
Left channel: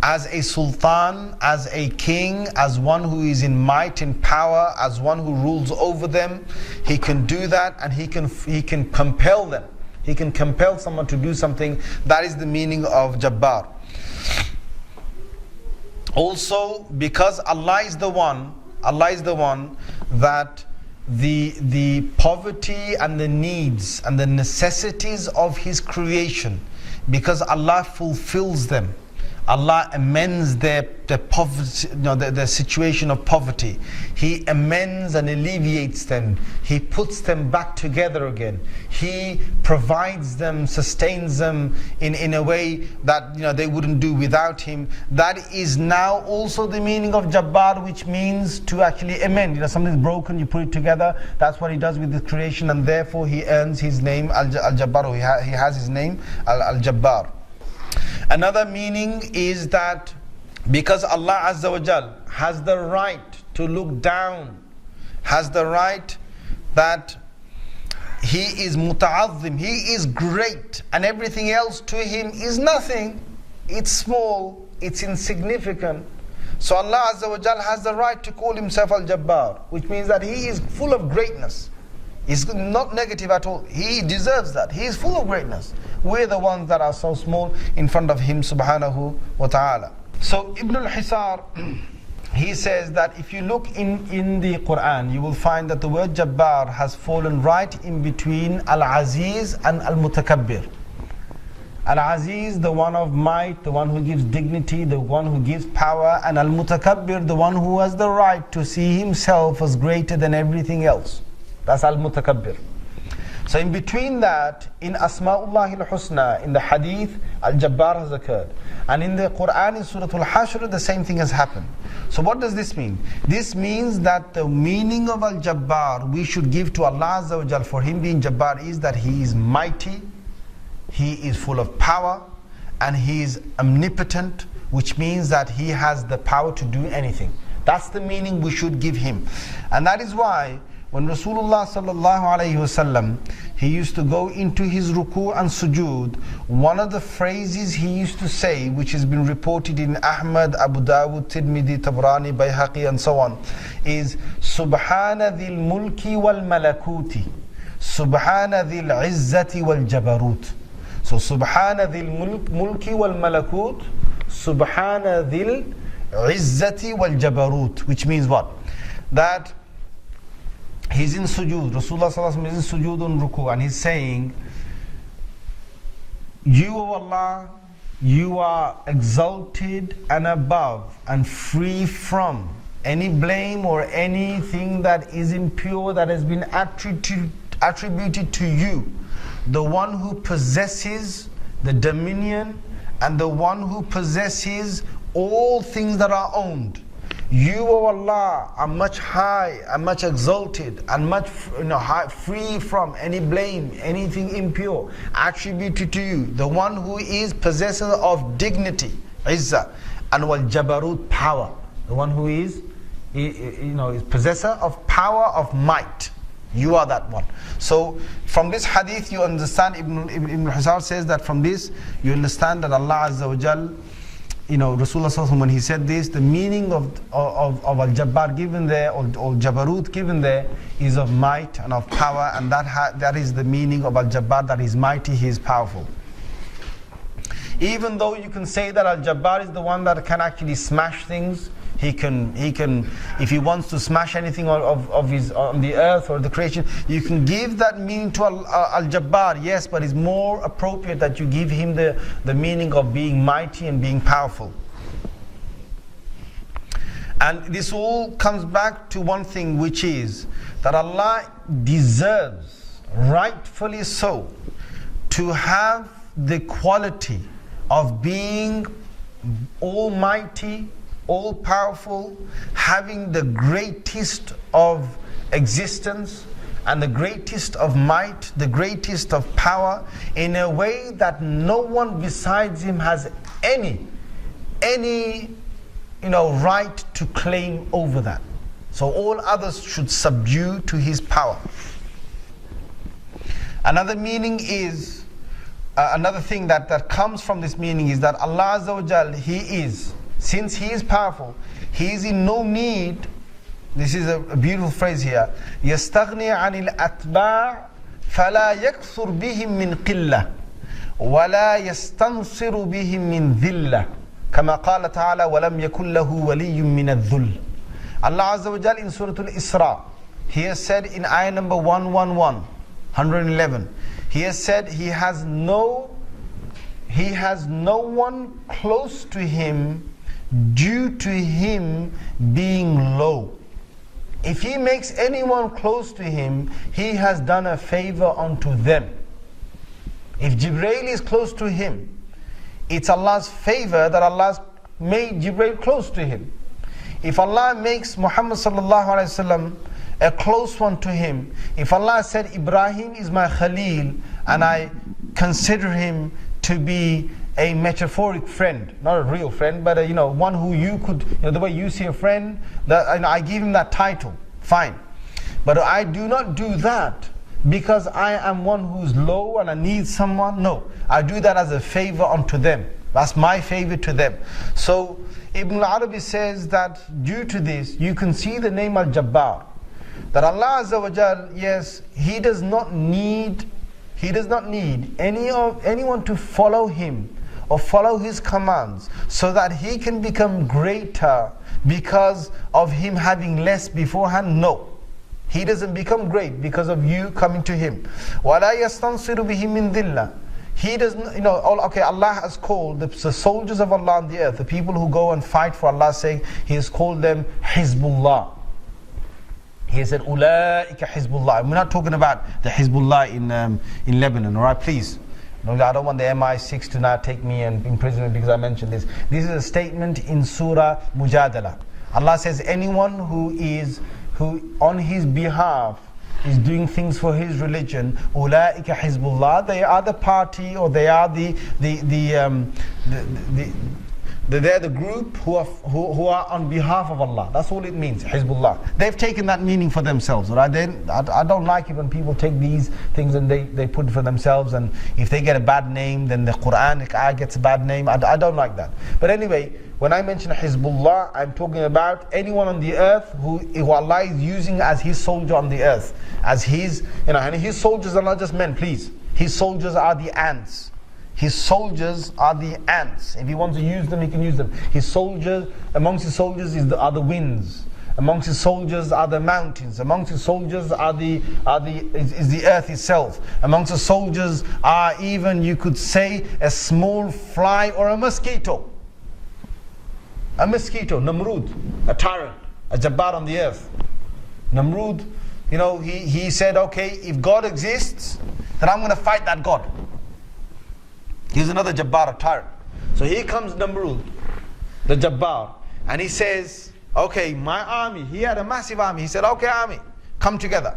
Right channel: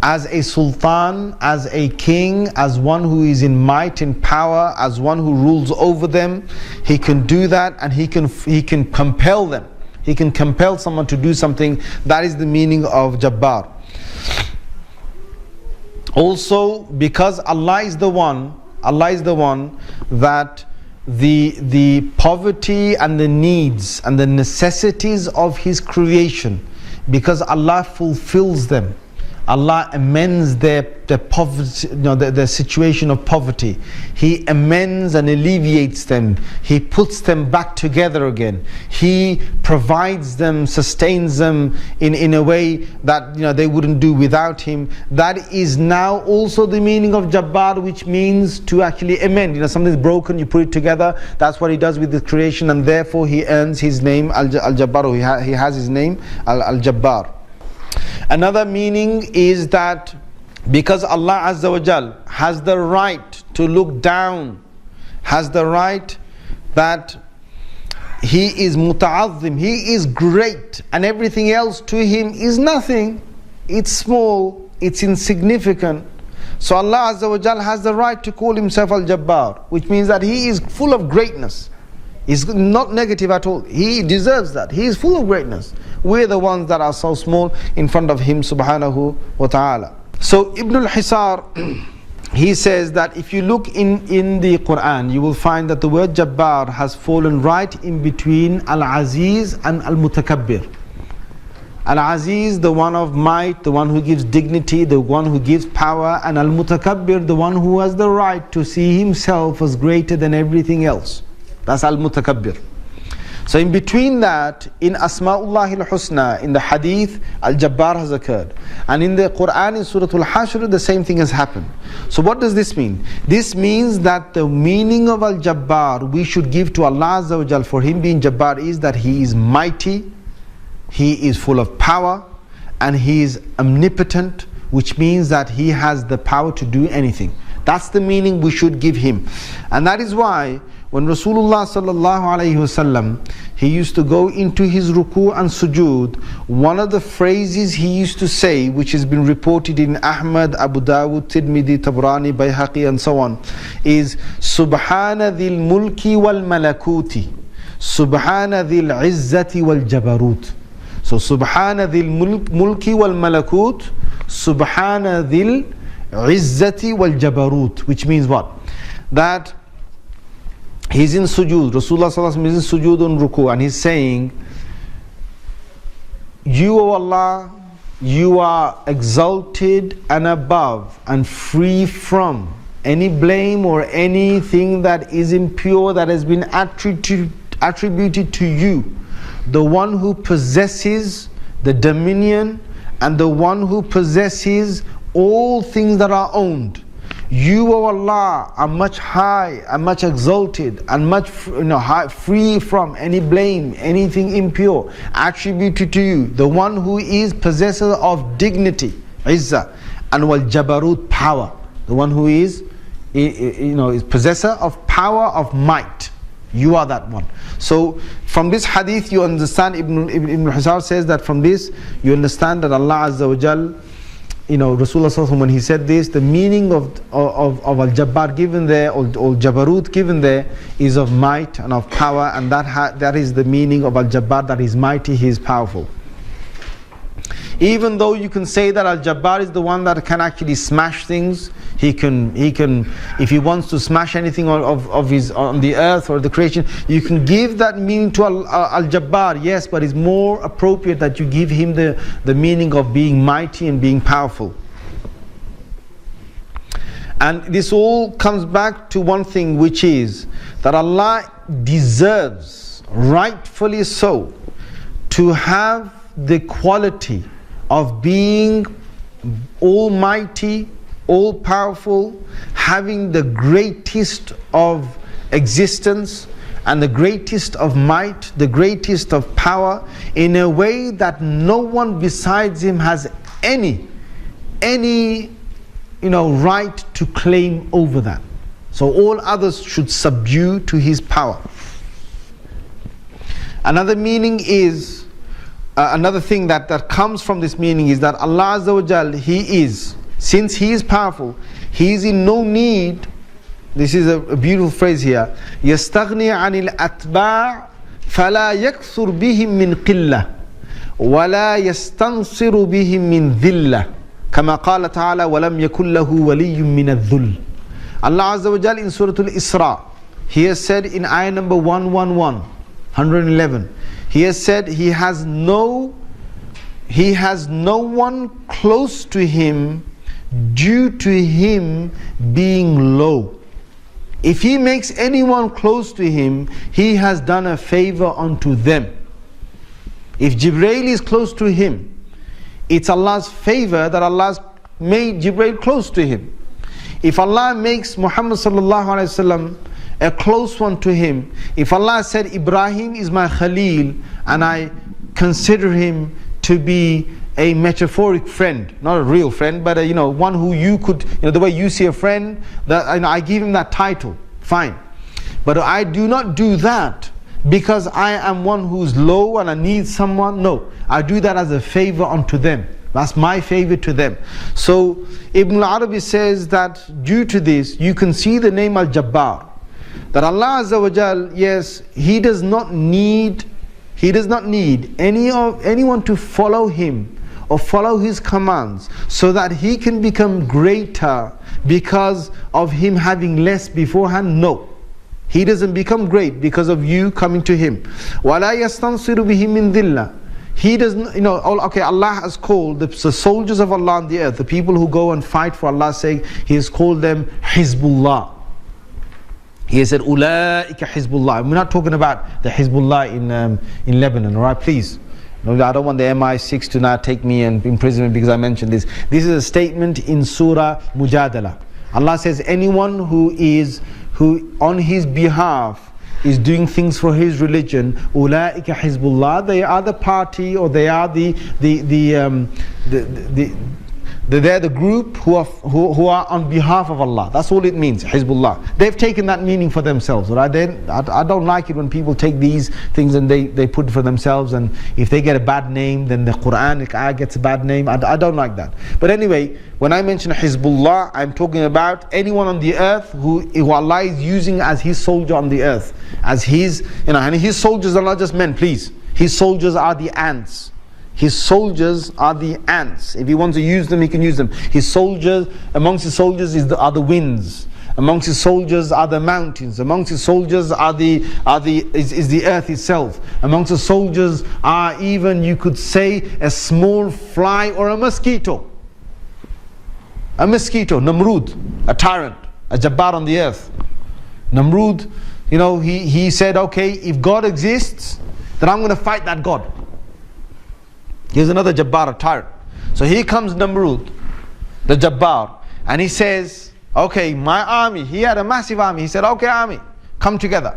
as a sultan, as a king, as one who is in might and power, as one who rules over them. He can do that, and he can compel them. He can compel someone to do something. That is the meaning of Jabbar. Also, because Allah is the one that the poverty and the needs and the necessities of His creation, because Allah fulfills them, Allah amends their poverty, their situation of poverty. He amends and alleviates them. He puts them back together again. He provides them, sustains them in a way that they wouldn't do without Him. That is now also the meaning of Jabbar, which means to actually amend. Something's broken, you put it together. That's what He does with the creation, and therefore He earns His name Al-Jabbar. He has His name Al-Jabbar. Another meaning is that because Allah Azza wa Jal has the right to look down, has the right that He is muta'azzim, He is great, and everything else to Him is nothing. It's small, it's insignificant. So Allah Azza wa Jal has the right to call Himself Al-Jabbar, which means that He is full of greatness. He's not negative at all. He deserves that. He is full of greatness. We're the ones that are so small in front of Him subhanahu wa ta'ala. So Ibn al-Hisar, he says that if you look in the Quran, you will find that the word Jabbar has fallen right in between Al-Aziz and Al-Mutakabbir. Al-Aziz, the one of might, the one who gives dignity, the one who gives power, and Al-Mutakabbir, the one who has the right to see himself as greater than everything else. That's Al-Mutakabbir. So in between that, in Asma'ullah al-Husna, in the Hadith, Al-Jabbar has occurred. And in the Quran, in Surah Al-Hashr, the same thing has happened. So what does this mean? This means that the meaning of Al-Jabbar we should give to Allah Azza wa Jal for Him being Jabbar is that He is mighty, He is full of power, and He is omnipotent, which means that He has the power to do anything. That's the meaning we should give Him. And that is why when Rasulullah sallallahu alayhi wasallam, he used to go into his ruku and sujood, one of the phrases he used to say, which has been reported in Ahmad, Abu Dawud, Tirmidhi, Tabrani, Bayhaqi and so on, is Subhana dhil mulki wal malakuti, Subhana dhil izzati wal jabarut. So Subhana dhil mulki wal malakut, Subhana dhil izzati wal jabarut, which means what? That he's in sujood, Rasulullah sallallahu alaihi wasallam is in sujood on ruku, and he's saying, You, O Allah, You are exalted and above and free from any blame or anything that is impure that has been attributed to You, the one who possesses the dominion and the one who possesses all things that are owned. You, O Allah, are much high and much exalted and much free from any blame, anything impure attributed to You, the one who is possessor of dignity, izzah, and wal jabarut, power, the one who is possessor of power, of might. You are that one. So from this hadith you understand, Ibn Hisar says that from this you understand that Allah Azza wa Jal, Rasulullah Sallallahu Alaihi Wasallam, when he said this, the meaning of Al-Jabbar given there, or Jabarut given there, is of might and of power, and that is the meaning of Al-Jabbar, that is mighty, he is powerful. Even though you can say that Al-Jabbar is the one that can actually smash things, he can, if he wants to smash anything on the earth or the creation, you can give that meaning to Al-Jabbar, yes, but it's more appropriate that you give him the meaning of being mighty and being powerful. And this all comes back to one thing, which is that Allah deserves, rightfully so, to have the quality of being almighty, all-powerful, having the greatest of existence and the greatest of might, the greatest of power, in a way that no one besides him has any right to claim over that. So all others should subdue to his power. Another meaning is, another thing that comes from this meaning is that Allah Azza wa Jal, He is, since He is powerful, He is in no need. This is a beautiful phrase here. يَسْتَغْنِي عَنِ الْأَتْبَاعِ فَلَا يَكْثُرْ بِهِمْ مِنْ قِلَّةٍ وَلَا يَسْتَنْصِرُ بِهِمْ مِنْ ذِلَّةٍ كَمَا قَالَ تَعَالَى وَلَمْ يَكُنْ لَهُ وَلِيٌّ مِنَ الذُّلِّ. Allah Azza wa Jal in Surah Al-Isra, He has said in ayah number 111, He has said He has no one close to Him due to Him being low. If He makes anyone close to Him, He has done a favor unto them. If Jibreel is close to Him, it's Allah's favor that Allah's made Jibreel close to Him. If Allah makes Muhammad sallallahu alaihi wasallam a close one to Him, if Allah said Ibrahim is my Khalil and I consider him to be a metaphoric friend, not a real friend, but one who you could, the way you see a friend, that I give him that title, fine. But I do not do that because I am one who's low and I need someone. No, I do that as a favor unto them. That's my favor to them. So Ibn al-Arabi says that due to this, you can see the name Al-Jabbar. That Allah Azza wa Jal, yes, He does not need anyone to follow Him or follow His commands so that He can become greater because of Him having less beforehand. No. He doesn't become great because of you coming to Him. وَلَا يَسْتَنْصِرُ بِهِ مِنْ ذِلَّةٍ. He doesn't, Allah has called the soldiers of Allah on the earth, the people who go and fight for Allah's sake, He has called them Hizbullah. He has said, Ulaika Hizbullah. We're not talking about the Hizbullah in Lebanon, alright, please. No, I don't want the MI6 to now take me and imprison me because I mentioned this. This is a statement in Surah Mujadala. Allah says, anyone who on His behalf is doing things for His religion, Ulaika Hizbullah, they are the party, or they are they're the group who are on behalf of Allah. That's all it means, Hizbullah. They've taken that meaning for themselves, right? I don't like it when people take these things and they put it for themselves, and if they get a bad name, then the Quranic ayah gets a bad name. I don't like that. But anyway, when I mention Hizbullah, I'm talking about anyone on the earth who Allah is using as His soldier on the earth. As His, and His soldiers are not just men, please. His soldiers are the ants. His soldiers are the ants. If He wants to use them, He can use them. His soldiers, amongst His soldiers are the winds. Amongst His soldiers are the mountains. Amongst His soldiers is the earth itself. Amongst the soldiers are even, you could say, a small fly or a mosquito. A mosquito, Namrud, a tyrant, a Jabbar on the earth. Namrud, he said, okay, if God exists, then I'm going to fight that God. Here's another Jabbar, a tyrant. So here comes Namrud, the Jabbar, and he says, okay, my army, he had a massive army. He said, okay, army, come together.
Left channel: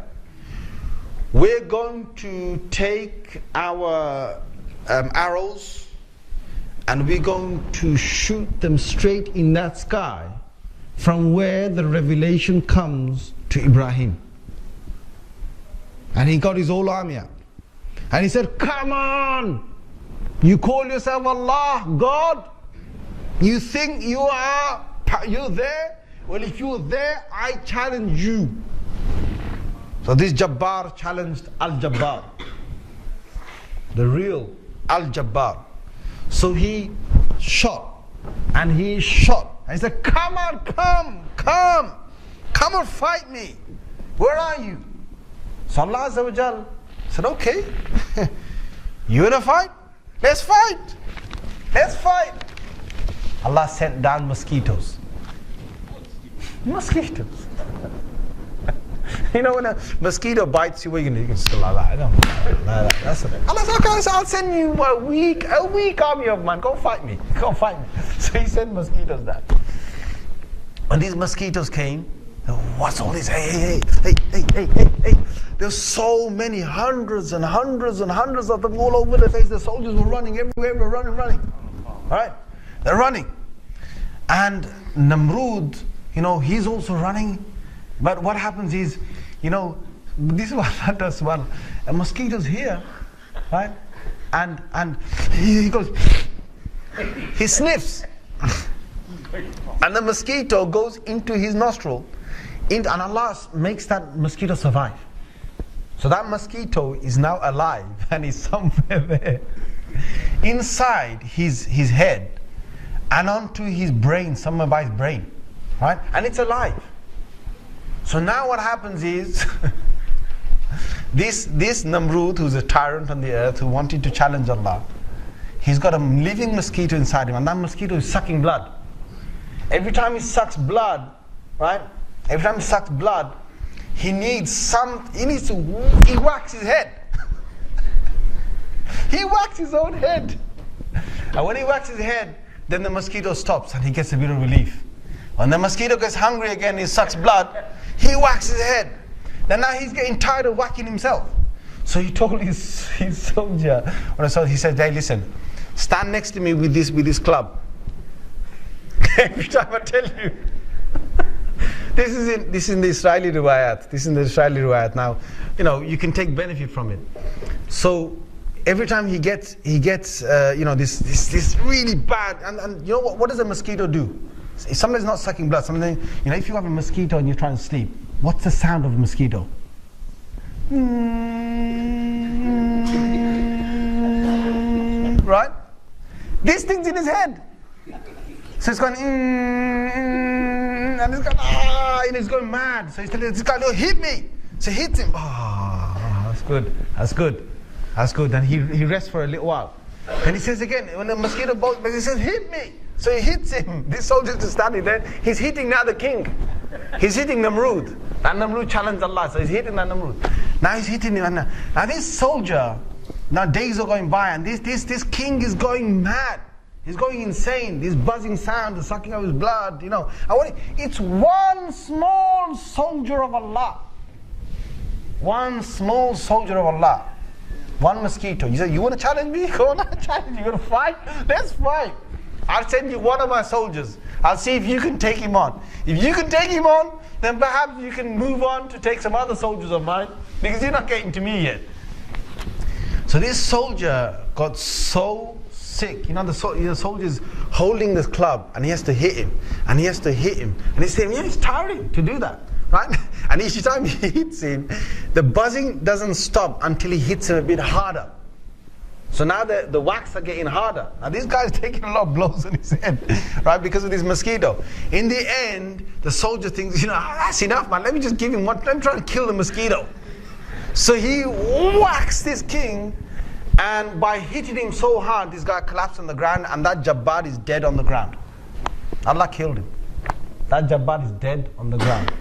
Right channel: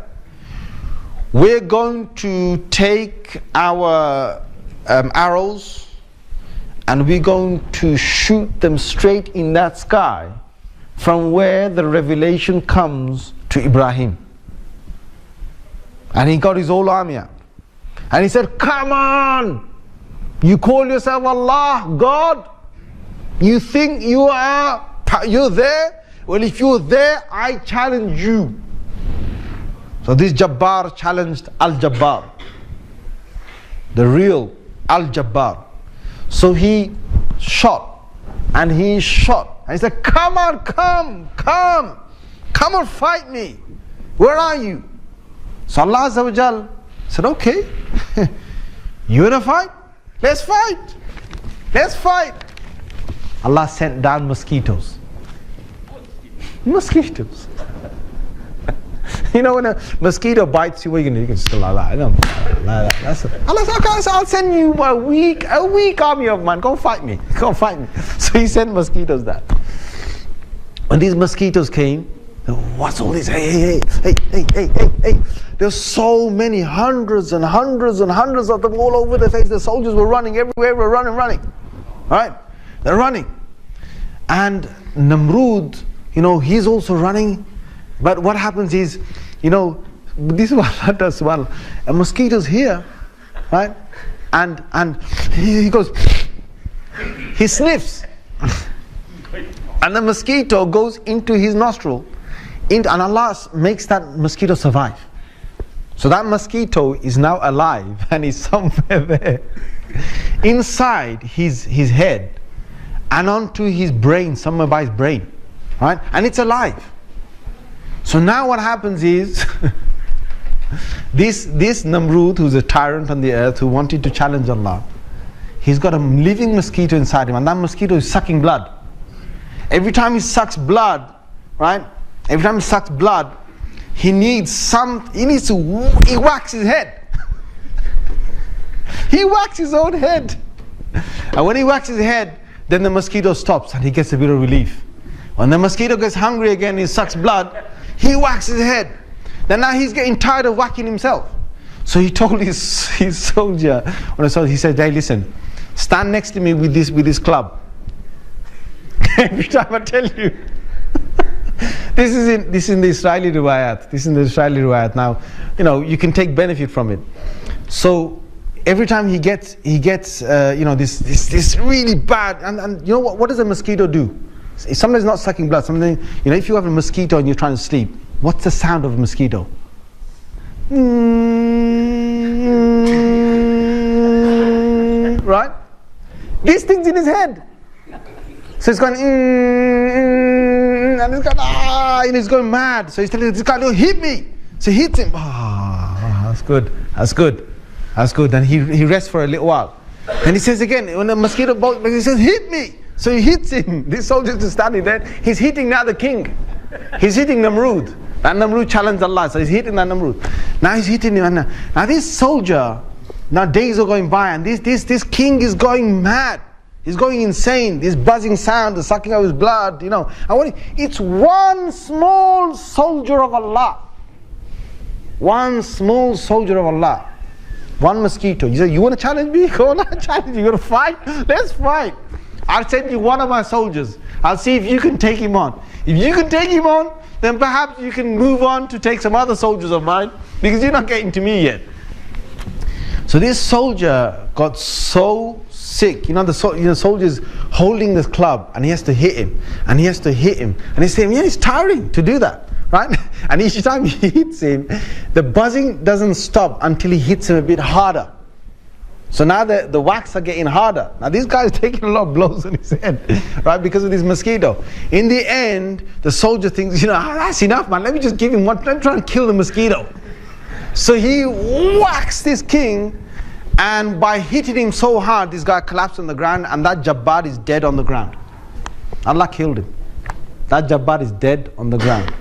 We're going to take our arrows and we're going to shoot them straight in that sky from where the revelation comes to Ibrahim. And he got his whole army out. And he said, come on! You call yourself Allah, God? You think you're there? Well, if you're there, I challenge you. So this Jabbar challenged Al-Jabbar, the real Al-Jabbar. So he shot, and he shot. And he said, come on, come and fight me. Where are you? So Allah Azza wa Jal said, okay, you wanna fight? Let's fight. Let's fight. Allah sent down mosquitoes. Mosquitoes. You know, when a mosquito bites you, what are you going to do? You can just go like that. Like that. That's it. Allah said, okay, so I'll send you a weak army of mine. Go fight me. Go fight me. So he sent mosquitoes down. When these mosquitoes came, what's all this? Hey. There's so many, hundreds and hundreds and hundreds of them all over the face. The soldiers were running everywhere, were running. All right? They're running. And Namrud, you know, he's also running. But what happens is, you know, this is what Allah does. Well, a mosquito's here, right? And he goes, he sniffs. And the mosquito goes into his nostril. And Allah makes that mosquito survive. So that mosquito is now alive and is somewhere there. Inside his head and onto his brain, somewhere by his brain. Right? And it's alive. So now what happens is, this Namrud, who's a tyrant on the earth, who wanted to challenge Allah, he's got a living mosquito inside him, and that mosquito is sucking blood. Every time he sucks blood, right? Every time he sucks blood, he whacks his head. He whacks his own head. And when he whacks his head, then the mosquito stops and he gets a bit of relief. When the mosquito gets hungry again, he sucks blood, he whacks his head. Then now he's getting tired of whacking himself. So he told his soldier, he said, hey, listen, stand next to me with this club. Every time I tell you. This is in the Israeli riwayat. This is in the Israeli riwayat. Now, you know, you can take benefit from it. So every time he gets you know, this really bad, and you know what does a mosquito do? Sometimes not sucking blood. Something, you know, if you have a mosquito and you're trying to sleep, what's the sound of a mosquito? Right? This thing's in his head. So it's going, and it's going, and he's going mad. So he's telling this guy, no, hit me. So he hits him. That's good. And he rests for a little while. And he says again, when the mosquito bites, he says, hit me. So he hits him. This soldier is standing there. He's hitting now the king. He's hitting Namrud. That Namrud challenged Allah. So he's hitting that Namrud. Now he's hitting him. Now this soldier, now days are going by, and this king is going mad. He's going insane. This buzzing sound, the sucking of his blood, you know. It's one small soldier of Allah. One small soldier of Allah. One mosquito. You say, you want to challenge me? Go on, I'll challenge you. You want to fight? Let's fight. I'll send you one of my soldiers. I'll see if you can take him on. If you can take him on, then perhaps you can move on to take some other soldiers of mine, because you're not getting to me yet. So this soldier got so sick. You know, the soldier's holding this club, and he has to hit him, and he has to hit him, and he's saying, yeah, it's tiring to do that, right? And each time he hits him, the buzzing doesn't stop until he hits him a bit harder. So now the whacks are getting harder. Now this guy is taking a lot of blows on his head, right, because of this mosquito. In the end, the soldier thinks, you know, that's enough, man. Let me just give him one. Let me try and kill the mosquito. So he whacks this king, and by hitting him so hard, this guy collapsed on the ground, and that Jabbar is dead on the ground. Allah killed him. That Jabbar is dead on the ground.